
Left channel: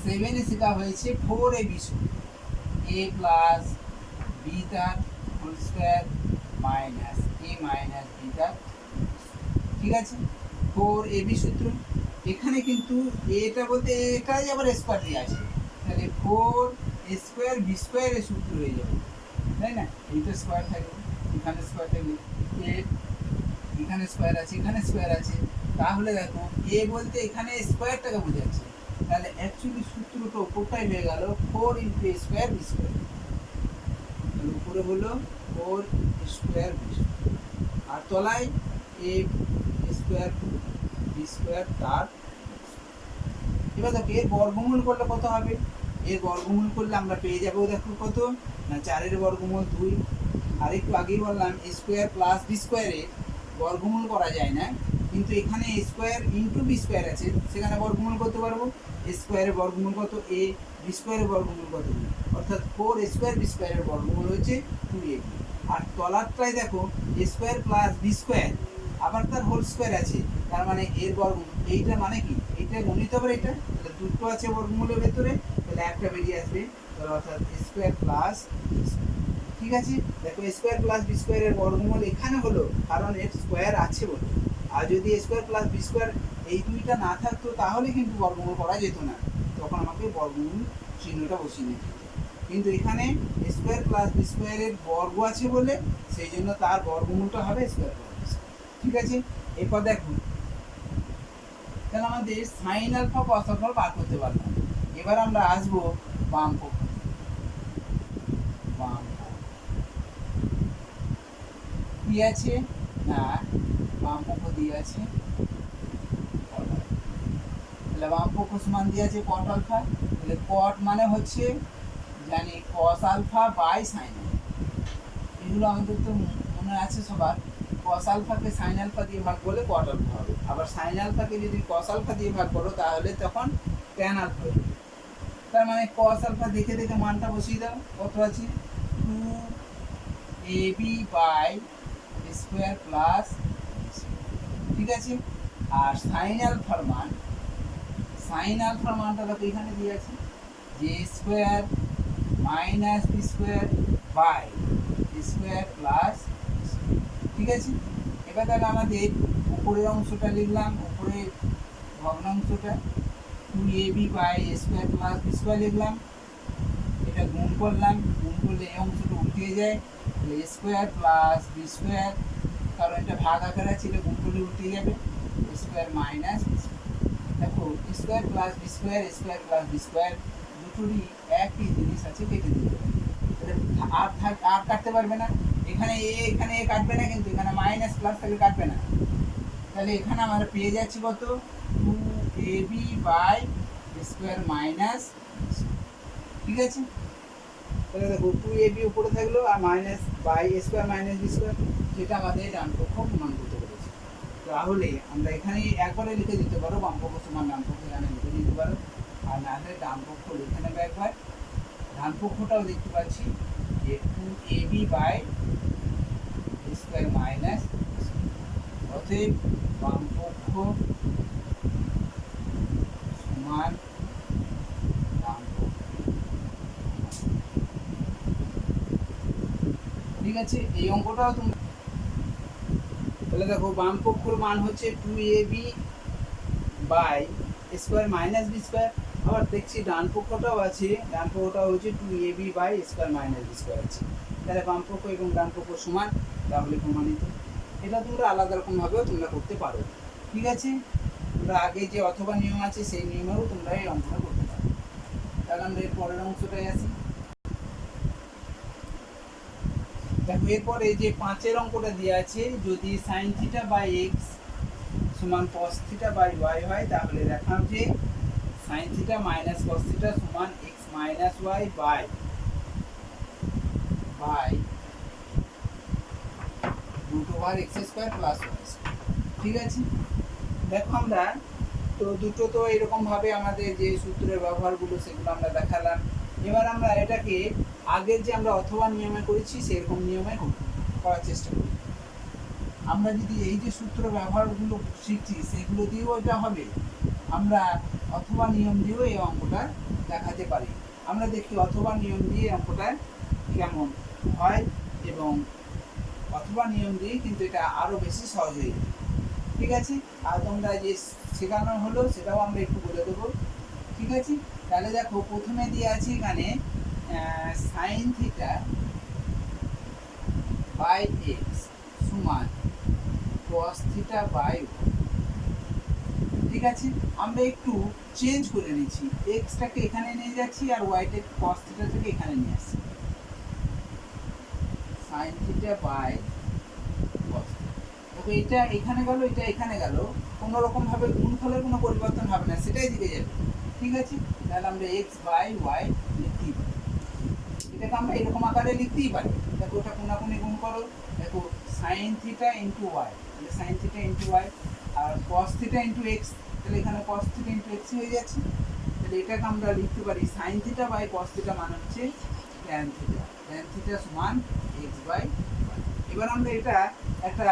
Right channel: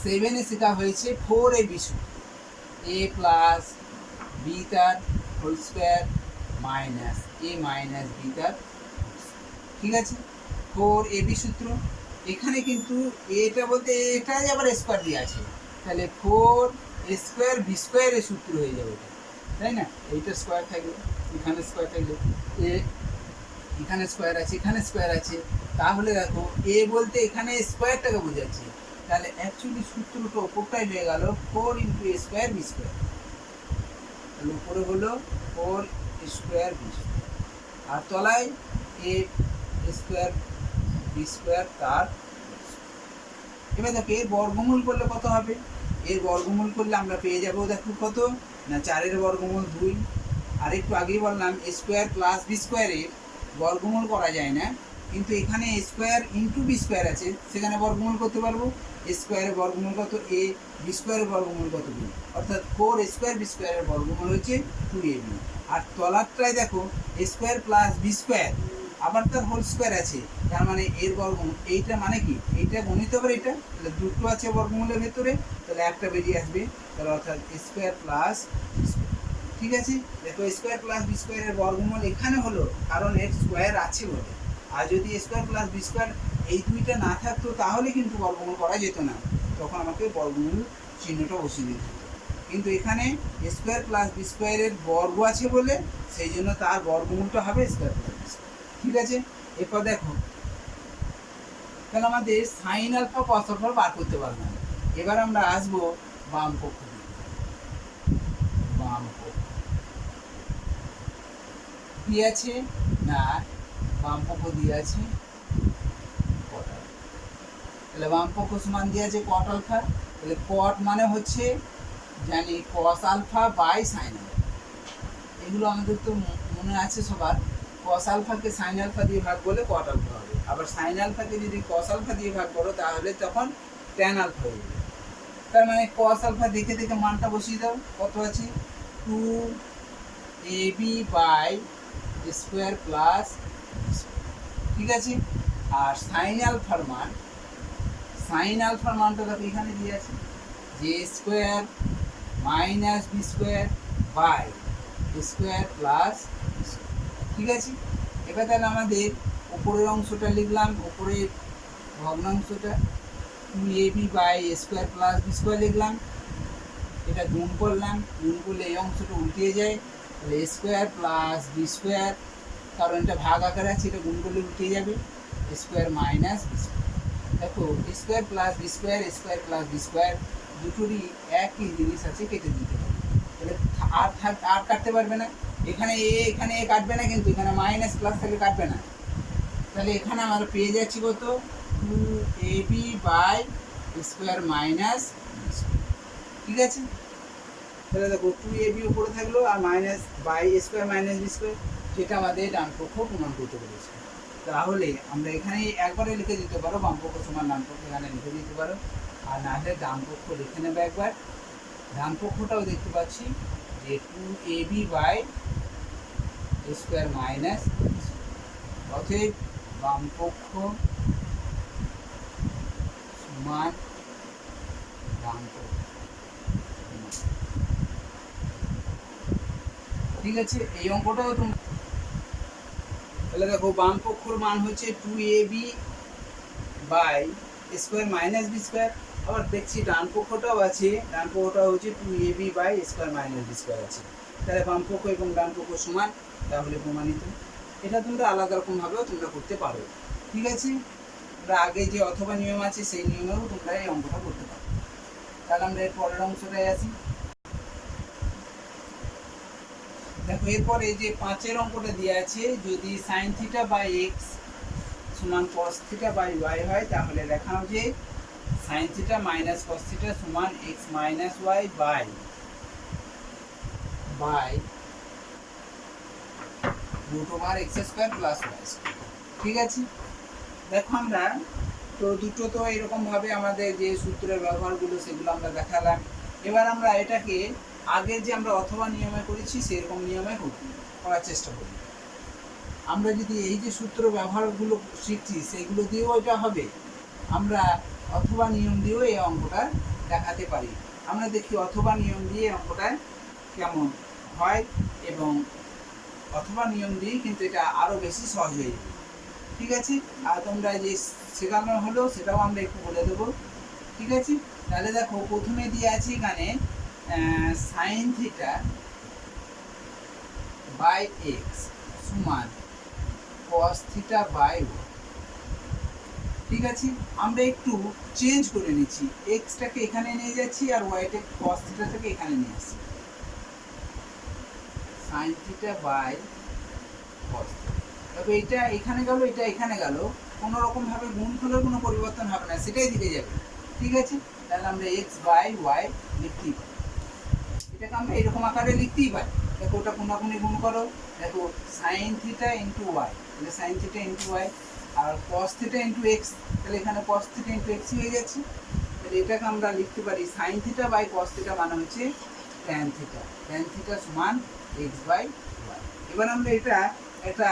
7-এ শেখা হয়েছে 4ab সূত্র, a প্লাস বি তার হোল স্কোয়ার মাইনাস এ মাইনাস বি তার, ঠিক আছে, 4ab সূত্র। এখানে কিন্তু এটা বলতে এটাই আবার স্কোয়ার দিয়ে আছে, তাহলে 4 স্কোয়ার বি স্কোয়ারের সূত্র হয়ে যাবে, তাই না? এইটা স্কোয়ার থাকবে, এখানে স্কোয়ার থাকলে এ, এখানে স্কোয়ার আছে, এখানে স্কোয়ার আছে, তাহলে দেখো এ বলতে এখানে স্কোয়ারটাকে বোঝাচ্ছে, তাহলে অ্যাকচুয়ালি সূত্রটা উপরটাই হয়ে গেল 4 ইন্টু এ স্কোয়ার বি স্কোয়ার, তাহলে উপরে হলো 4 স্কোয়ার বি স্কোয়ার, আর তলায় এ স্কোয়ার বি স্কোয়ার তার। এবার দেখো এর বর্গমূল করলে কত হবে, এর বর্গমূল করলে আমরা পেয়ে যাবো দেখো কত না 4-এর বর্গমূল 2, আর একটু আগেই বললাম স্কোয়ার প্লাস বি স্কোয়ারের বর্গমূল করা যায় না, কিন্তু এখানে স্কোয়ার ইন্টু বি স্কোয়ার আছে, সেখানে বর্গমূল করতে পারবো। স্কোয়ারের বর্গমূল কত এ, বি স্কোয়ারের বর্গমূল কত বি, অর্থাৎ 4 স্কোয়ার বি স্কোয়ারের বর্গমূল হচ্ছে 2ab। আর তলারটায় দেখো স্কোয়ার প্লাস বি স্কোয়ার আবার তার হোল স্কোয়ার আছে, তার মানে এর বর্গমূল, এইটা মানে কি এইটা গণিত হবে, এটা তাহলে দুটো আছে বর্গমূলের ভেতরে, তাহলে একটা বেরিয়ে আসবে, তাহলে অর্থাৎ স্কোয়ার প্লাস, ঠিক আছে। দেখো স্কোয়ার প্লাস বি স্কোয়ারের বর্গমূল এখানে হলো কারণ এর স্কোয়ার আছে বলে, আর যদি স্কোয়ার প্লাস বি স্কোয়ার এই দুইটা না থাকতো তাহলে কিন্তু বর্গমূল করা যেত না, তখন আমাকে বর্গমূল চিহ্নটা বসিয়ে দিতে হতো, কিন্তু এখানে স্কোয়ার প্লাস বি স্কোয়ারের বর্গ আছে বলে সেই জন্য তার বর্গমূলটা হবে স্কোয়ার প্লাস বি স্কোয়ার, ঠিক আছে। এরপর দেখো তাহলে আমাদের সাইন আলফা কস আলফা বার করতে পারলাম। এবার আমরা আসবো বাম পক্ষ, বাম পক্ষ কি আছে না বাম পক্ষ দিয়ে আছে, তাহলে বাম পক্ষ সমান দিয়ে আছে কট আলফা, তাহলে কট মানে হচ্ছে জানি cos alpha by sine alpha, এগুলো আমাদের তো মনে আছে সবার। কস আলফাকে সাইন আলফা দিয়ে ভাগ করলে কট আলফা হবে, আবার সাইন আলফাকে যদি কস আলফা দিয়ে ভাগ করো তাহলে তখন ট্যান আলফা হয়ে যাবে। তার মানে কস আলফা দেখে দেখে মানটা বসিয়ে দাও, কত আছে 2ab বাই স্কোয়ার প্লাস, ঠিক আছে। আর সাইন আলফার মান, সাইন আলফার মানটা দেখো এখানে দিয়ে আছে যে square minus b square by square plus, ঠিক আছে। এবার তাহলে আমাদের উপরের অংশটা লিখলাম, উপরের ভগ্নাংশটা 2ab by square plus b square লিখলাম, এটা গুণ করলাম, গুণ করলে এই অংশটা উল্টিয়ে যায়, তাহলে স্কোয়ার প্লাস বি স্কোয়ার, কারণ এটা ভাগ আকারে আছে, এটা গুণ করলে উল্টিয়ে যাবে, স্কোয়ার মাইনাস, দেখো square plus b square, square plus b square দুটোরই একই জিনিস আছে, কেটে দিতে হবে, তাহলে আর কাটতে পারবে না, এখানে এ কাটবে না, কিন্তু এখানে মাইনাস প্লাস থাকলে কাটবে না, তাহলে এখানে আমরা পেয়ে যাচ্ছি কত 2ab বাই স্কোয়ার মাইনাস, ঠিক আছে। তাহলে দেখো 2ab উপরে থাকলো আর minus by square minus b square, যেটা আমাদের ডান পক্ষ প্রমাণ করতে পেরেছি। তাহলে আমরা এখানে একবারে লিখে দিতে পারো বাম পক্ষ সমান ডান পক্ষ এখানে লিখে দিতে পারো, আর না হলে ডান পক্ষ লিখে নেবে একবার। ডান পক্ষটাও দেখতে পাচ্ছি যে 2ab বাই স্কোয়ার মাইনাস, অতএব বাম পক্ষ সমান ডান পক্ষ, ঠিক আছে। এই অঙ্কটাও তুমি তাহলে দেখো বাম পক্ষর মান হচ্ছে 2ab by square minus b square, আবার দেখছি ডান পক্ষটাও আছে, ডান পক্ষটাও হচ্ছে 2ab by square minus b square আছে, তাহলে বাম পক্ষ এবং ডান পক্ষ সমান, তাহলে প্রমাণিত। এটা তোমরা আলাদা রকমভাবেও তোমরা করতে পারো। ঠিক আছে, তোমরা আগে যে অথবা নিয়ম আছে সেই নিয়মেও তোমরা এই অঙ্কটা করতে পারো। তাহলে আমরা এর পরের অংশটায় আসি। দেখো এরপর এই যে 5-এর অঙ্কটা দেওয়া আছে, যদি সাইন থিটা বাই এক্স সমান কস থিটা বাই ওয়াই হয়, তাহলে লেখা হবে sine theta minus cos theta সমান x minus y by root over x square plus y square. ঠিক আছে, দেখো আমরা তো দুটো তো এরকমভাবে আমাদের যে সূত্রের ব্যবহারগুলো সেগুলো আমরা দেখালাম। এবার আমরা এটাকে আগের যে আমরা অথবা নিয়মে করেছি সেরকম নিয়মে করার চেষ্টা করি। আমরা যদি এই যে সূত্র ব্যবহারগুলো শিখছি সেগুলো দিয়েও এটা হবে, আমরা অথবা নিয়ম দিয়েও এই অঙ্কটা দেখাতে পারি। আমরা দেখি অথবা নিয়ম দিয়ে অঙ্কটা কেমন হয়, এবং অথবা নিয়ম দিয়ে কিন্তু এটা আরও বেশি সহজ হয়ে যাবে। ঠিক আছে, আর তোমরা যে শেখানো হলো সেটাও আমরা একটু বলে দেবো। ঠিক আছে, তাহলে দেখো প্রথমে দিয়ে আছে এখানে সাইন থিটা বাই এক্স সমান কস থিটা বাই ওয়াই। ঠিক আছে, আমরা একটু চেঞ্জ করে নিচ্ছি, এক্সটাকে এখানে নিয়ে যাচ্ছি আর ওয়াইটাকে কস থিটাটাকে এখানে নিয়ে আসছি। সাইন থিটা বাই কস, দেখো এটা এখানে গেল, এটা এখানে গেল, কোনো রকমভাবে গুণফলের কোনো পরিবর্তন হবে না, সেটাই দিকে যাবে। ঠিক আছে, তাহলে আমরা এক্স বাই ওয়াই লিখতেই পারি, এটাকে আমরা এরকম আকারে লিখতেই পারি। দেখো ওটা কোনাকুনি গুণ করো, দেখো সাইন থিটা ইন্টু ওয়াই, তাহলে সাইন থিটা ইন্টু ওয়াই, আর কস থিটা ইন্টু এক্স, তাহলে এখানে কস থিটা ইন্টু এক্স হয়ে যাচ্ছে। তাহলে এটাকে আমরা লিখতে পারি sine theta by cos theta মানে হচ্ছে ট্যান থিটা, ট্যান থিটা সমান এক্স বাই ওয়াই। এবার আমরা এটা একটা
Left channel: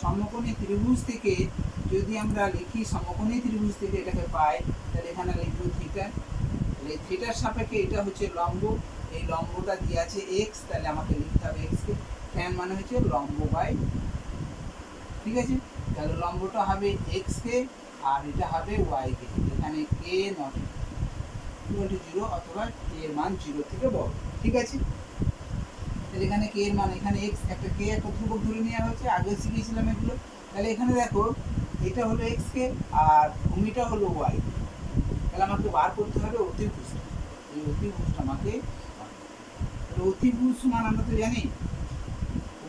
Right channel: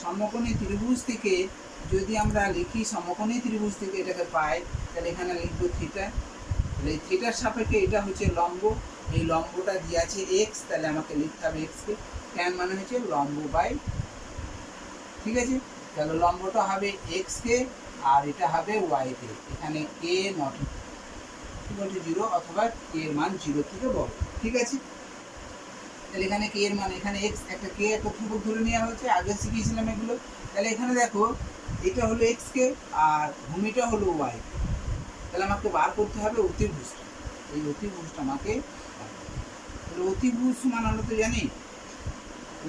সমকোণী ত্রিভুজ থেকে যদি আমরা লিখি, সমকোণী ত্রিভুজ থেকে এটাকে পাই, তাহলে এখানে লিখবো থিটা, তাহলে এই থিটার সাপেক্ষে এটা হচ্ছে লম্ব, এই লম্বটা দিয়ে আছে এক্স, তাহলে আমাকে লিখতে হবে এক্সকে, ট্যান মানে হচ্ছে লম্ব বাই। ঠিক আছে, তাহলে লম্বটা হবে এক্সকে আর এটা হবে ওয়াইকে, এখানে কে নট ইকুয়াল টু 0 অথবা কে এর মান 0 থেকে বড়। ঠিক আছে, তাহলে এখানে কে এর মান, এখানে এক্স একটা কে একটা ধ্রুবক ধরে নেওয়া হয়েছে, আগে শিখিয়েছিলাম এগুলো। তাহলে এখানে দেখো এটা হলো এক্সকে আর ভূমিটা হলো ওয়াই, তাহলে আমাকে বার করতে হবে অতিভুজ, এই অতিভুজটা আমাকে। অতিভুজ সমান আমরা তো জানি,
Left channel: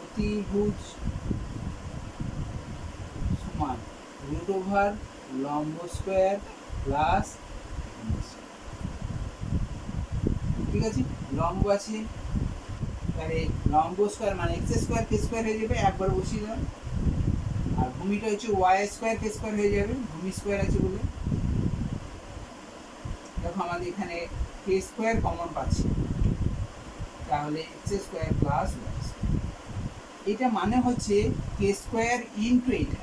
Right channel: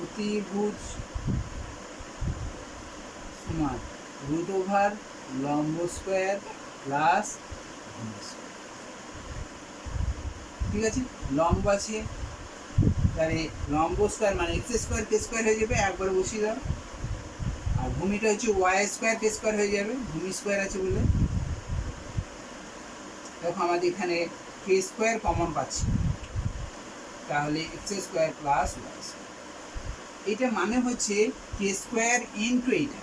অতিভুজ সমান রুট ওভার লম্ব স্কোয়ার প্লাস। ঠিক আছে, লম্ব আছে, তাহলে লম্ব স্কোয়ার মানে এক্স স্কোয়ার কে স্কোয়ার হয়ে যাবে, একবার বসিয়ে দাও, আর ভূমিটা হচ্ছে ওয়াই স্কোয়ার কে স্কোয়ার হয়ে যাবে, ভূমি স্কোয়ার আছে বলে। দেখো আমাদের এখানে কে স্কোয়ার কমন পাচ্ছি, তাহলে x square plus y square, এটা মানে হচ্ছে কে স্কোয়ার ইন্টু এইটা,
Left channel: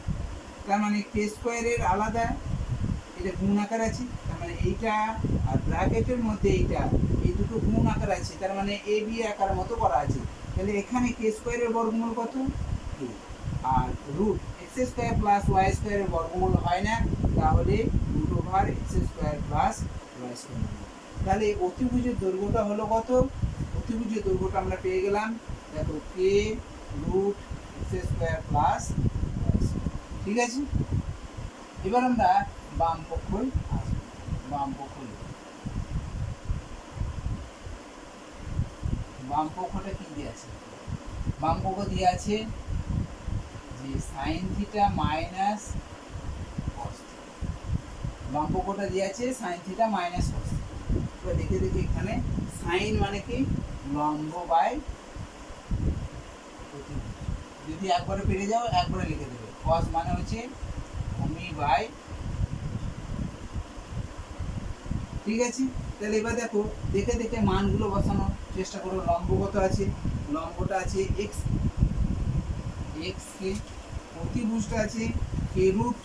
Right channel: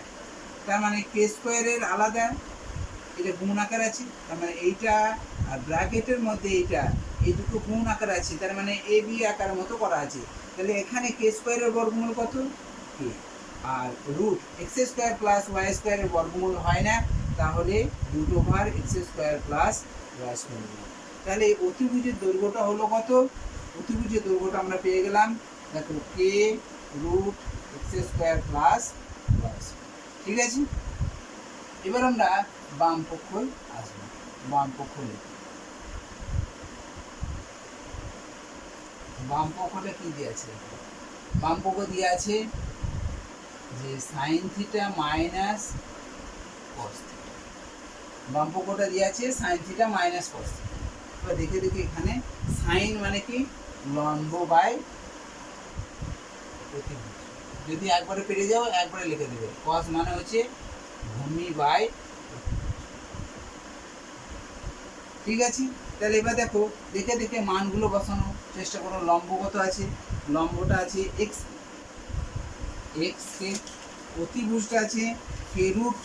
তার মানে কে স্কোয়ারের আলাদা, এটা গুণ আকার আছে, তার মানে এইটা আর ব্র্যাকেটের মধ্যে এইটা, এই দুটো গুণ আকার আছে, তার মানে এ বি আকারের মতো করা আছে। তাহলে এখানে কে স্কোয়ারের বর্গমূল কত? কে, আর root x square plus y স্কোয়ারের বর্গমূল হয় না, তাহলে root over x square plus y square. তাহলে অতিভুজের দৈর্ঘ্যটা হলো কত? অতিভুজের দৈর্ঘ্যটা আমরা পেয়ে গেলাম, দেখো k root x square plus y square. ঠিক আছে, এবার আমরা বাম পক্ষ আসবো, বাম পক্ষ লিখব। বাম পক্ষটা কি দিয়ে আছে? বাম পক্ষ দিয়ে আছে যে sign theta minus cos theta, বাম পক্ষটা দিয়ে আছে sign theta minus cos theta. এবার দেখে দেখে এখানে সাইন মানে কি? লম্ব বাই অতিভুজ, যদি একবারে পেরে যাও একবারে লিখে দেবে। কস মানে হচ্ছে ভূমি বাই। ঠিক আছে, তাহলে এবার দেখো দেখে দেখে মানগুলো বসানোর চেষ্টা করো। লম্ব কত আছে? লম্বটা আছে এক্স, এক্স কে, অতিভুজটা আছে k root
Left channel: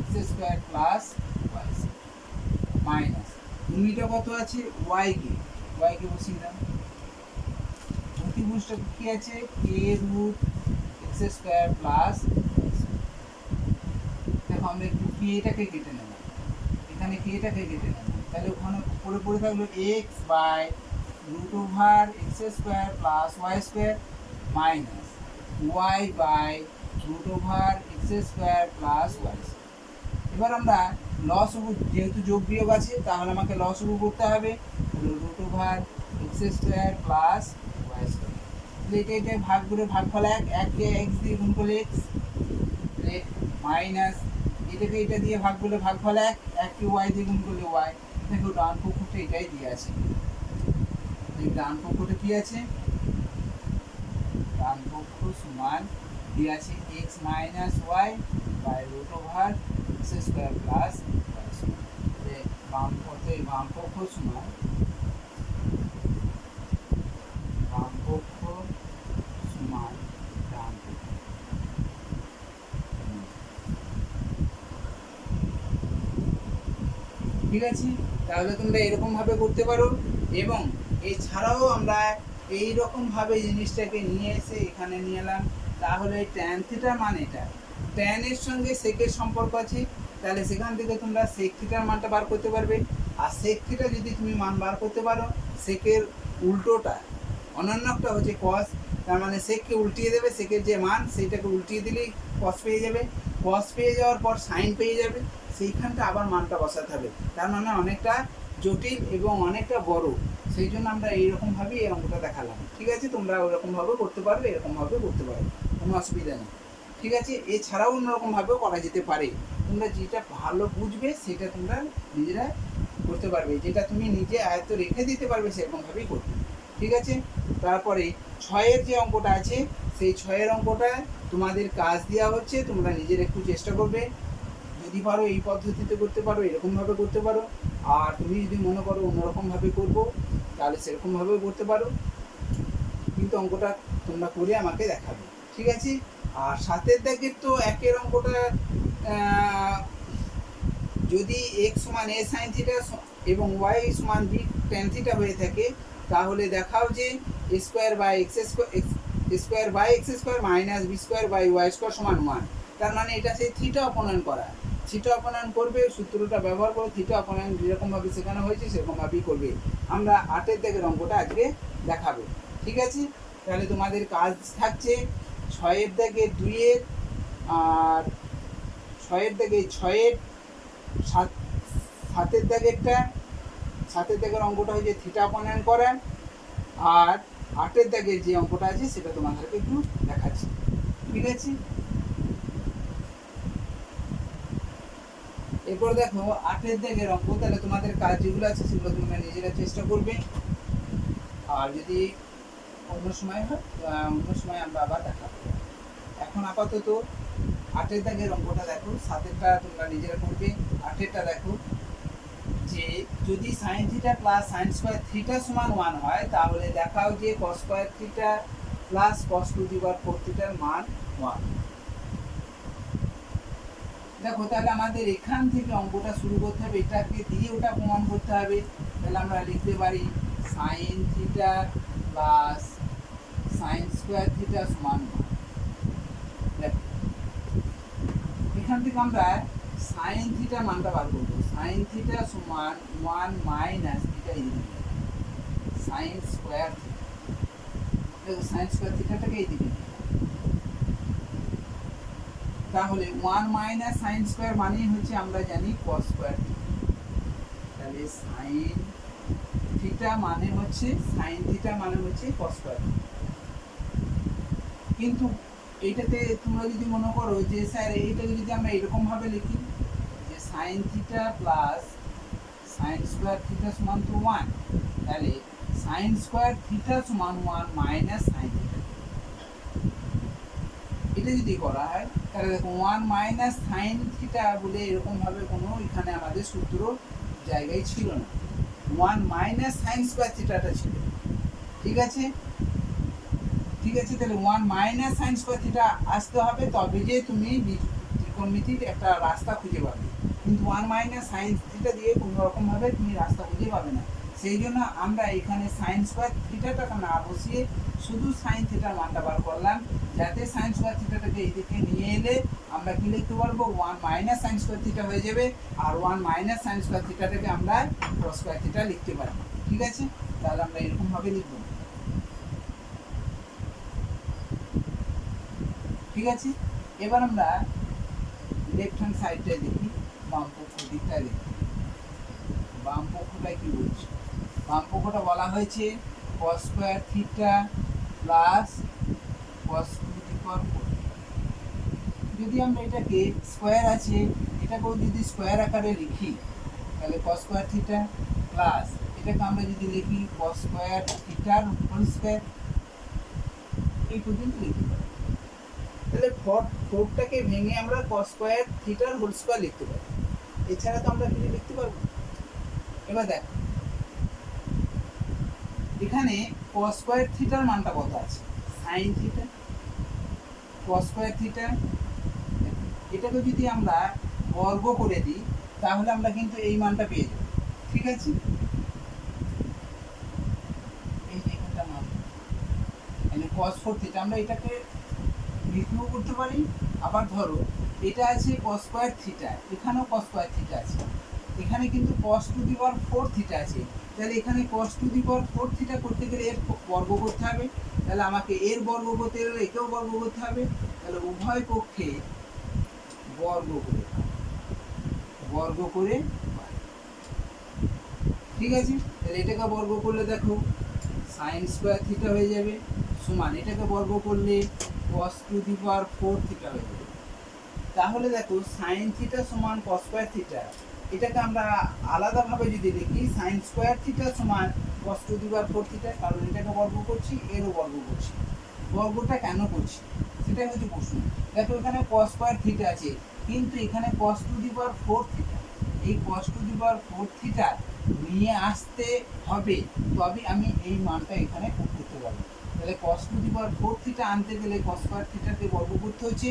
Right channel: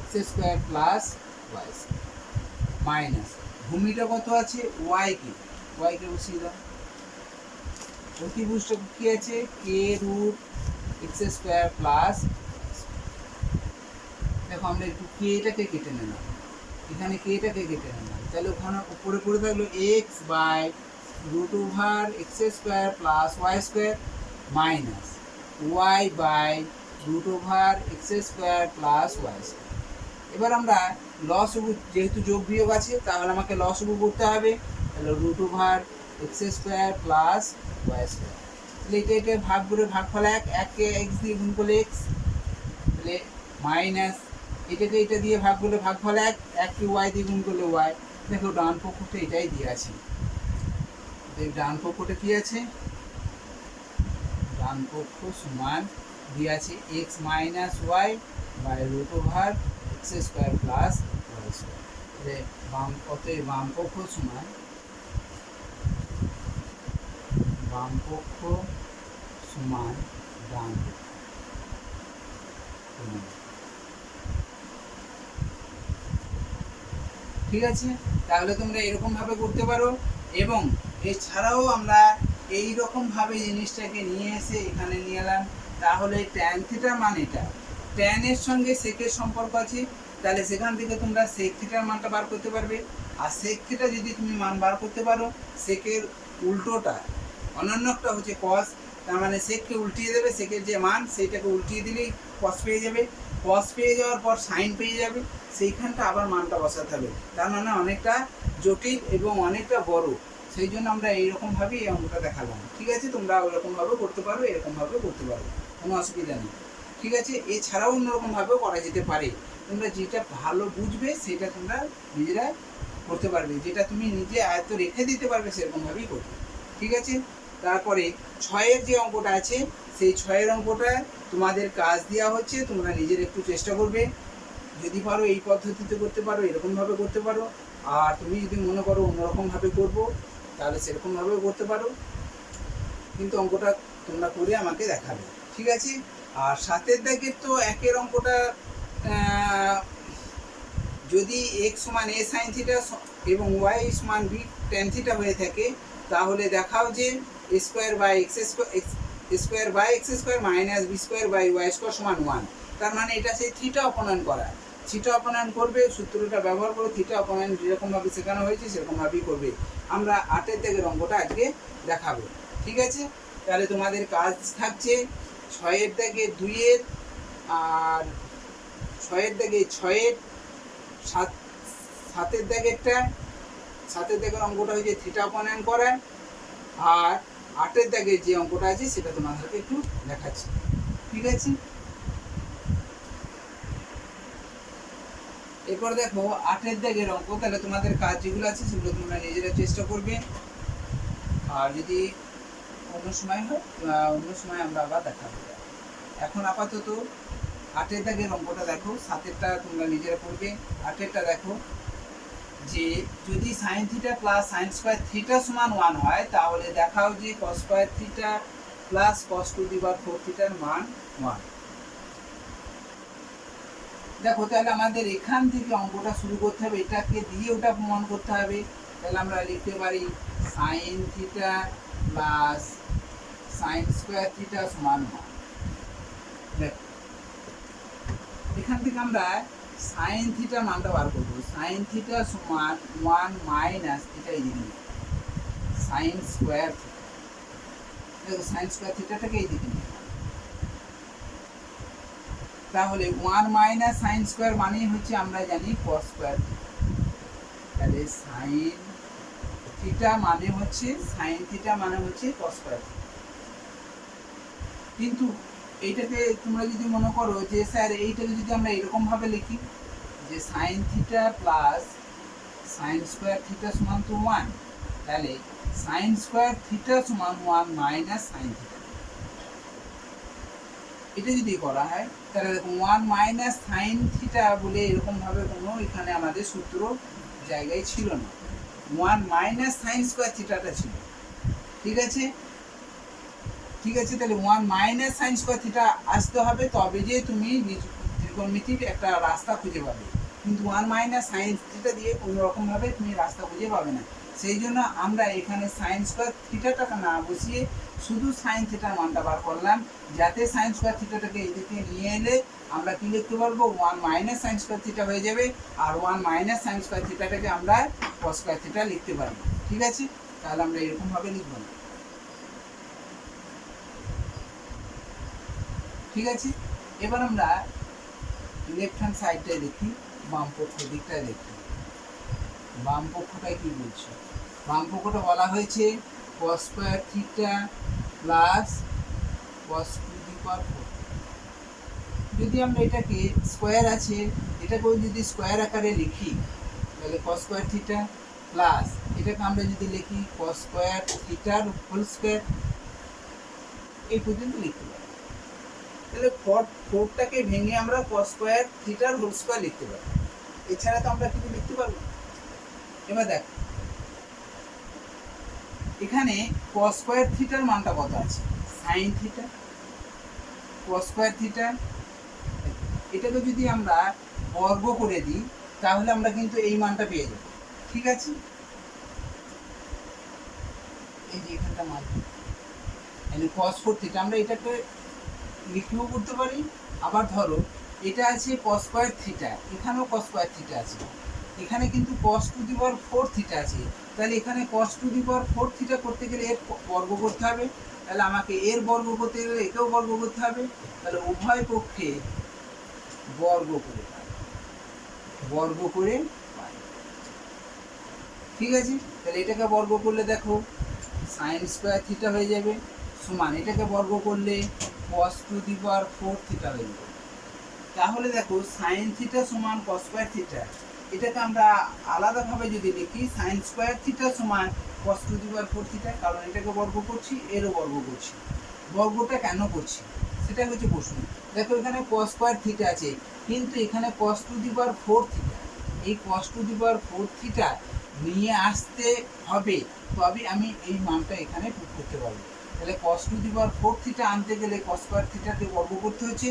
x square plus y minus, ভূমিটা কত আছে? ওয়াই কে, ওয়াই কে বসিয়ে দাও। অতিভুজটা কি আছে? K root x square plus. দেখো আমরা একটু কেটাকে কেটে নিলাম, এখানে কেটাকে কেটে নিলাম, তাহলে ওখানে উপরে পড়ে থাকলো x by root over x square plus y square minus y by root over x square plus y square. এবার আমরা লসগু, যেহেতু যোগ বিয়োগ আছে তাহলে আমাকে লসগু করতে হবে, তাহলে root over x square plus y square. তাহলে এটা ভাগ করে ভাগফল এককে এক্স দিয়ে গুণ করলে এক্স, তাহলে মাইনাস এটাকে এটা দিয়ে ভাগ করলে ভাগফল এককে ওয়াই দিয়ে গুণ করলে ওয়াই। দেখো ডান পক্ষটা এটাই দিয়ে আছে, ডান পক্ষটা কি আছে, ডান পক্ষ সমান দিয়ে আছে x minus y by root over x square plus y square. বাম পক্ষ সমান ডান পক্ষ। ঠিক আছে, তাহলে তোমরা এরকমভাবে করতে পারো। এবং এছাড়াও আমরা এই রকমভাবে জিনিসটাকে নিয়ে এসে এখানে নিয়ে এলাম, তাহলে ট্যান থিটা মানেটা ট্যানের সঙ্গে সেকের সম্পর্ক আছে, তাহলে সেখান থেকে তোমরা সেক থিটার মানটা বার করতে পারবে। আর সেক থিটা যদি তুমি মান বার করতে পারো, সেকের উল্টোটা অনন্যটা হচ্ছে কস, তার মানে সেককে উল্টিয়ে দেবে, সেকের যে মান সেইটাকে উল্টিয়ে দিলেই কস পেয়ে যাবে, কস পেয়ে যাওয়ার পর সাইন পেয়ে যাবে, সেইখানটা আবার মানটা বসাতে হবে। তার মানে অনেকটা জটিল এবং অনেকটা বড়, সেই জন্য আমরা এইরকমভাবেই এই অঙ্কটা দেখালাম। ঠিক আছে, তোমরা ওরকমভাবেও করতে পারবে, এরকমভাবেও করতে পারবে, কোনো অসুবিধা নেই। ঠিক আছে, এছাড়াও অন্যরকমভাবেও করা যেতে পারে, তোমরা যেটা ভালো বুঝবে সেটা তোমরা নিজেরা করতে পারবে, যেটা তুমি নিজে আয়ত্ত রেখে দিতে পারবে সেরকমভাবেই করবে। ঠিক আছে, তারপরে 6-এর যে অঙ্কটা আছে সেই 6-এর অঙ্কটা তোমাদের কাজ দেওয়া হচ্ছে, তোমরা নিজের একটু চেষ্টা করবে, যদি পারো এই পদ্ধতিতে করতে পারো, এরকমভাবে করতে পারো। আর তুমি যদি মনে করো অন্যরকমভাবে করবো তাহলে সেরকমভাবেও করতে পারো, কিন্তু অঙ্কটা তোমরা করে আমাকে দেখাবে। ঠিক আছে, আর 7-এর দাগের তো 1-এর অঙ্কটা যদি এক্স সমান এ সাইন থিটা এবং ওয়াই সমান বি ট্যান থিটা হয়ে থাকে, তাহলে দেখাও যে square by x square minus b square by y square সমান 1। তার মানে এটা সেই থিটা অপনয়ন করা, থিটা অপনয়ন করবে, সূত্রটা ব্যবহার করে থিটা অপনয়ন যেরকমভাবে শেখানো হয়েছে সেরকমভাবেই করবে। আমরা 8-এর দাগের অঙ্কটা আজকে দেখাবো। ঠিক আছে, তাহলে তোমাদের কাজ থাকছে 6-এর দাগে 2-এর, আর 6-এর দাগে 6-এর, 7-এর দাগেরটা, 7-এর দাগের অঙ্কটা হয়েছে থিটা অপনয়ন করা, আর 8-এর দাগের যে অঙ্কটা আছে সেটা তোমাদেরকে একটু দেখাচ্ছি। ঠিক আছে, এরপর দেখো 8-এর দাগের অঙ্ক, তাহলে তোমাদের কাজ যেগুলো আছে সেগুলো তোমরা নিজেরা চেষ্টা করবে, আর যদি অন্য সময় হয় অন্য সময় আমরা আবার দেখাবো। এখন আপাতত 8-এর দাগের অঙ্কটা দেখো, 7-এরটা তোমরা নিজেরা করবে। 8-এরটা দেখো যে যদি sine theta plus sine square theta সমান 1 হয়, তাহলে দেখাও যে cos square theta plus cos to the power 4 থিটার মান 1। দেখো তাহলে আমাদের এখান থেকে অঙ্কটা শুরু করতে হবে, এটাকে দিয়ে ওটা প্রমাণ করতে হবে। তাহলে আমরা লিখতে পারি sine theta plus sine square theta সমান 1। দেখো এখান থেকে আমরা সাইন থিটা মানটা বার করবো, সাইন থিটা সমান 1 মাইনাস থিটা এইদিকে নিয়ে সাইন স্কোয়ার থিটা। দেখো সাইন স্কোয়ার থিটাটাকে এইদিকে নিয়ে, তাহলে 1 মাইনাস সাইন স্কোয়ার মানেই হচ্ছে আমরা জানি কস স্কোয়ার। তাহলে সাইন থিটা মানে হচ্ছে কস স্কোয়ার। কিন্তু এইটাকে তোমরা যদি মনে করো যে স্যার এইটাকে যদি আমরা এরকমভাবে লিখি যে sign theta plus sine square theta সমান তো 1, তাহলে সাইন স্কোয়ার থিটা সমান 1 মাইনাস সাইন থিটা, এটা যদি করা হয় তাহলে দেখো 1 মাইনাস সাইন থিটা বলে এরকমভাবে কোনো এখানে আমাদের সূত্র জায়গায় ছিল না, 1 মাইনাস সাইন স্কোয়ার থিটাটা ছিল। ঠিক আছে, তাহলে 1 মাইনাস সাইন স্কোয়ার থিটা আসতে হবে, তবে যে তুমি ত্রিকোণমিতির একটা রাস্তা খুঁজে পাবে, কিন্তু 1 মাইনাস সাইন থিটা দিয়ে কোনো রকমভাবে তুমি রাস্তা খুঁজে পাবে না। সেই জন্য আমরা এখানে সাইন স্কোয়ার থিটাটাকে না বসিয়ে শুধু সাইন থিটার মানটা বার করলাম, যাতে সাইন স্কোয়ার থিটাটাকে এইদিকে নিয়ে এলে আমরা কি লিখতে পারবো 1 মাইনাস সাইন স্কোয়ার থিটা হয়ে যাবে, আর 1 মাইনাস সাইন স্কোয়ার থিটাটাকে আমরা কস স্কোয়ার থিটা লিখতে পারবো। ঠিক আছে, তাহলে আমরা এরকমভাবে লিখবো। ঠিক আছে, এবার আমরা লেফট হ্যান্ড সাইডটায় দেখি, বাম পক্ষ দিকটায় দেখি। বাম পক্ষটায় কী বলছে? বাম পক্ষটা বলা হয়েছে cos square theta plus cos to the power 4। যদি আমরা এটাকে স্কোয়ার আছে, এটাকেও যদি স্কোয়ার আকারে লিখি তাহলে cos স্কোয়ার থিটা প্লাস এটাকে আমরা যদি লিখি cos স্কোয়ার থিটার হোল স্কোয়ার, এই পর্যন্ত লিখতে পারি। তাহলে ফোরটাকে ভেঙে আমরা cos স্কোয়ার থিটার হোল স্কোয়ার লিখতে পারি, এছাড়া তো আমরা কিছু লিখতে পারবো না। এবার দেখ এখানে cos স্কোয়ার থিটার মানটা কত আছে? Sine theta cos square theta, এটাকে যদি আমরা বর্গ করে দিই তাহলে আমরা কিন্তু এই মানটা পেয়ে যাব। ঠিক আছে, এই যে এখানটা মান মানে cos 4 থিটা, আমরা এটাকে লিখেও করতে পারি। আবার ধরো এটা আছে cos স্কোয়ার থিটা, এখানেও cos স্কোয়ার থিটা আছে, এখানে কিন্তু cos to the power 4 theta আছে, তাহলে এখানে cos to the power 4 theta করতে গেলে এর বর্গ করতে হবে, তাহলে আমাকে এর বর্গ করতে গেলে একেও বর্গ করতে হবে, তাহলে উভয় পক্ষে বর্গ করে ঠিক আছে। তাহলে এটাকে বর্গ করলে দেখো সাইন স্কোয়ার থিটা হয়ে যাবে, সমান এটাকে বর্গ করলে cos to the power 4 theta হয়ে যাবে। তাহলে দেখো সাইন থিটা সমান cos স্কোয়ার থিটা, এটাকে আমরা আলাদাভাবে যদি লিখি সাইন স্কোয়ার থিটা সমান cos to the power 4 theta, কারণ এটাকে বর্গ করছি এরও বর্গ করছি। বর্গটা কেন করছি সেটা হচ্ছে প্রশ্ন। দেখো এখানে cos স্কোয়ার থিটা আছে, কিন্তু এখানে cos to the power 4 theta, এই cos to the power 4 theta নিয়ে আসতে হবে, তবে আমি এই মানটা এখানে পুট করতে পারবো। তাহলে cos to the power 4 theta আনতে গেলে cos স্কোয়ার থিটাকে বর্গ করতে হচ্ছে,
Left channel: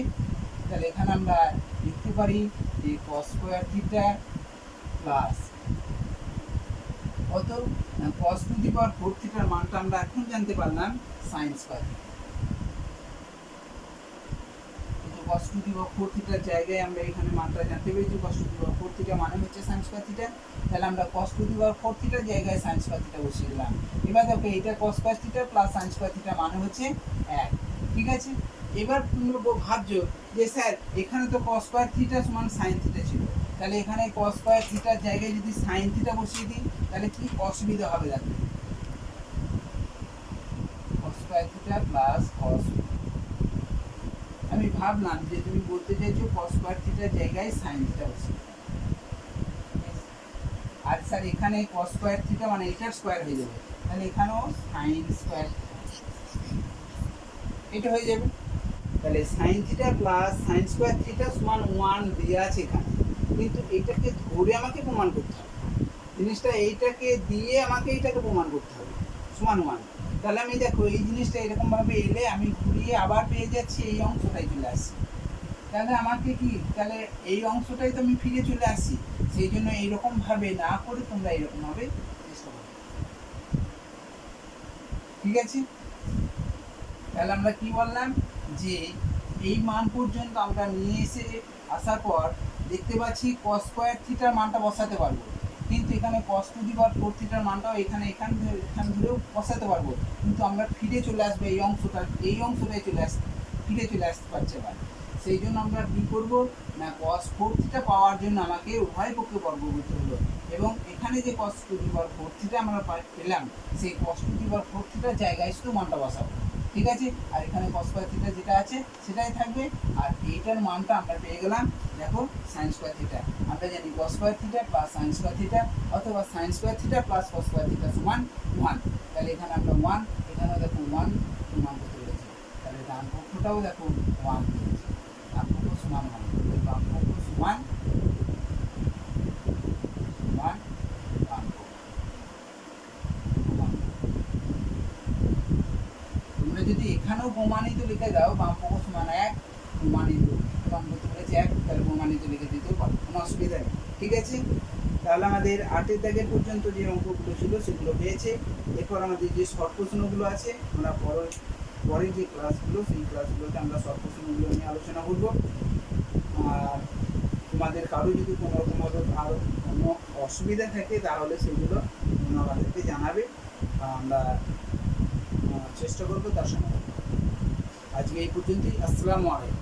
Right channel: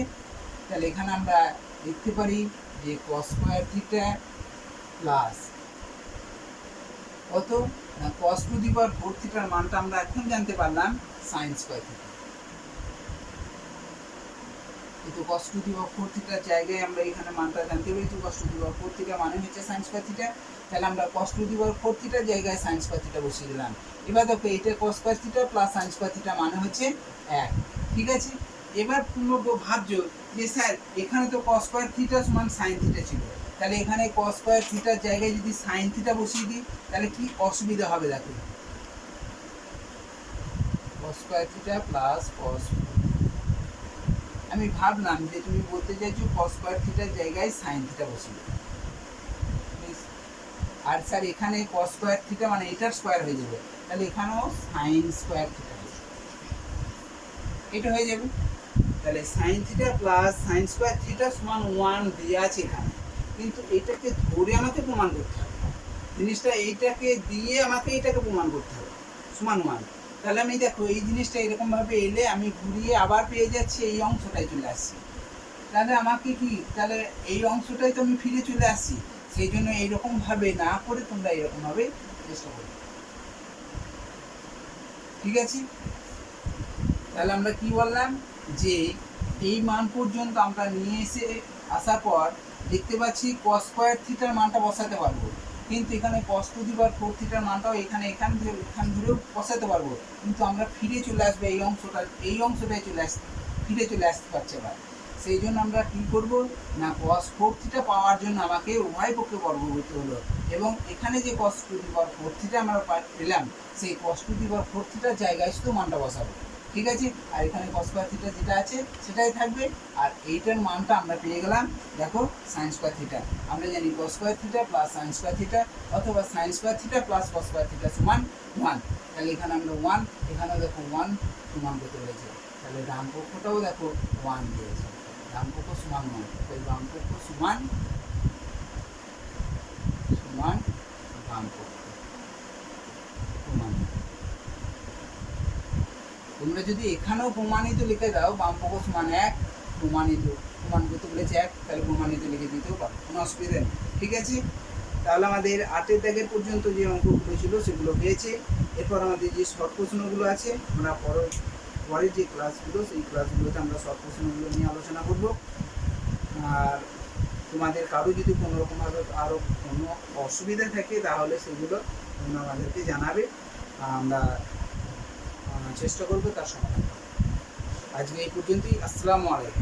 তাহলে এখানে আমরা লিখতে পারি যে cos স্কোয়ার থিটা প্লাস কত না cos টু দি পাওয়ার 4 থিটার মানটা আমরা এখন জানতে পারলাম sin স্কোয়ার থিটা। কিন্তু cos টু দি পাওয়ার 4 থিটার জায়গায় আমরা এখানে মানটা জানতে পেরেছি cos to the power 4 theta মানে হচ্ছে sin স্কোয়ার থিটা, তাহলে আমরা cos টু দি পাওয়ার 4 থিটার জায়গায় sin স্কোয়ার থিটা বসিয়ে দিলাম। এবার দেখো এটা cos square theta plus sin square theta মানে হচ্ছে 1। ঠিক আছে, এবার ভাবছ যে স্যার এখানে তো cos স্কোয়ার থিটা সমান sin থিটা ছিল, তাহলে এখানে cos স্কোয়ার থিটার জায়গায় যদি sin থিটা বসিয়ে দিই তাহলে কি অসুবিধা হবে? দেখো cos square theta plus cos, আমি ভাবলাম যে তুমি বলতে চাইছো cos স্কোয়ার থিটার জায়গায় sin থিটা বসিয়ে, আর স্যার এখানে cos স্কোয়ার থিটা মানে এটার স্কোয়ার হয়ে যাবে, তাহলে এখানেও sin স্কোয়ার থিটা এটা হয়ে যাবে। তাহলে sin theta plus sin square theta সমান 1 দেওয়া আছে এখানে, কিন্তু এটাকে ধরে আমাকে প্রমাণ করতে হবে, জিনিসটা এইটাকে দিয়ে আমাকে এটাকে প্রমাণ করতে হবে সমান 1। তাহলে আমি দেখো এই জিনিসটা এরকমভাবে এলে আমি ঘুরিয়ে আবার পেয়ে যাচ্ছি এই অংশটাই চলে আসছি, তাহলে আমাকে কি তাহলে এই অংশটাই তো আমি ফিরে চলে আসছি, সেই জন্য এইরকমভাবে না করে তোমরা এইরকমভাবে চেষ্টা করো। ঠিক আছে, তাহলে আমরা কি বললাম যে এই মান পর্যন্ত আমরা নিয়ে আসার পর দেখতে পাচ্ছি cos স্কোয়ার থিটার মানটা বসাতে পারবো, কিন্তু এখানে cos টু দি পাওয়ার 4 থিটার মানটাও এখানে ধরেও বসাতে পারবো, কিন্তু আমরা ফিরে চলে আসবো এই অংশটাই ফিরে চলে আসতে পারছে আবার। সেই জন্য আমরা কী করবো না cos 4 থিটা পাওয়ার জন্য আমাকে উভয় পক্ষে বর্গ করতে হলো, এবং এখানে যে cos to the power 4 theta আমরা পেলাম সেই cos টু দি পাওয়ার 4 থিটার জায়গায় শুধু মানটা বসাবো। ঠিক আছে, আর এখানে cos স্কোয়ার থিটা যেটা আছে সেটাই থাকবে, আর এইটার মানটা আমরা পেয়ে গেলাম দেখো sin স্কোয়ার থিটা। আমরা জানি cos square theta plus sin square theta অথবা sin square theta plus cos square theta সমান 1, তাহলে এখানে আমরা 1, এখানেও দেখো 1 প্রমাণ করতে পেরেছি। তাহলে ডান পক্ষটাও দেখো 1 দিয়েছে, ডান পক্ষ সমান 1, তাহলে বাম পক্ষ সমান বাম পক্ষ। তোমরা যদি এখানেও প্রমাণিত লিখে দাও বাম পক্ষ সমান 1, প্রমাণিত প্রমাণ করতে বলেছে 1, তাহলে প্রমাণিত লিখে দিতেও পারো, কোনো অসুবিধা নেই। ঠিক আছে, তাহলে আমাদের 8 দাগের পর্যন্ত যে অঙ্কগুলো ছিল সেগুলো পেয়েছে। এরপর আমাদের যে শর্ট প্রশ্নগুলো আছে আমরা পরের যে ক্লাসগুলো সেই ক্লাসগুলোতে আমরা শর্ট প্রশ্নগুলো নিয়ে আলোচনা করব। আর তোমাদের কারো যদি কোনো রকমভাবে আরও কোনো অসুবিধা থাকে তাহলে সেগুলো তোমরা আমাদেরকে জানাবে, আমরা চেষ্টা করবো তার সমাধান। আজকে এই পর্যন্তই। আসসালামু আলাইকুম।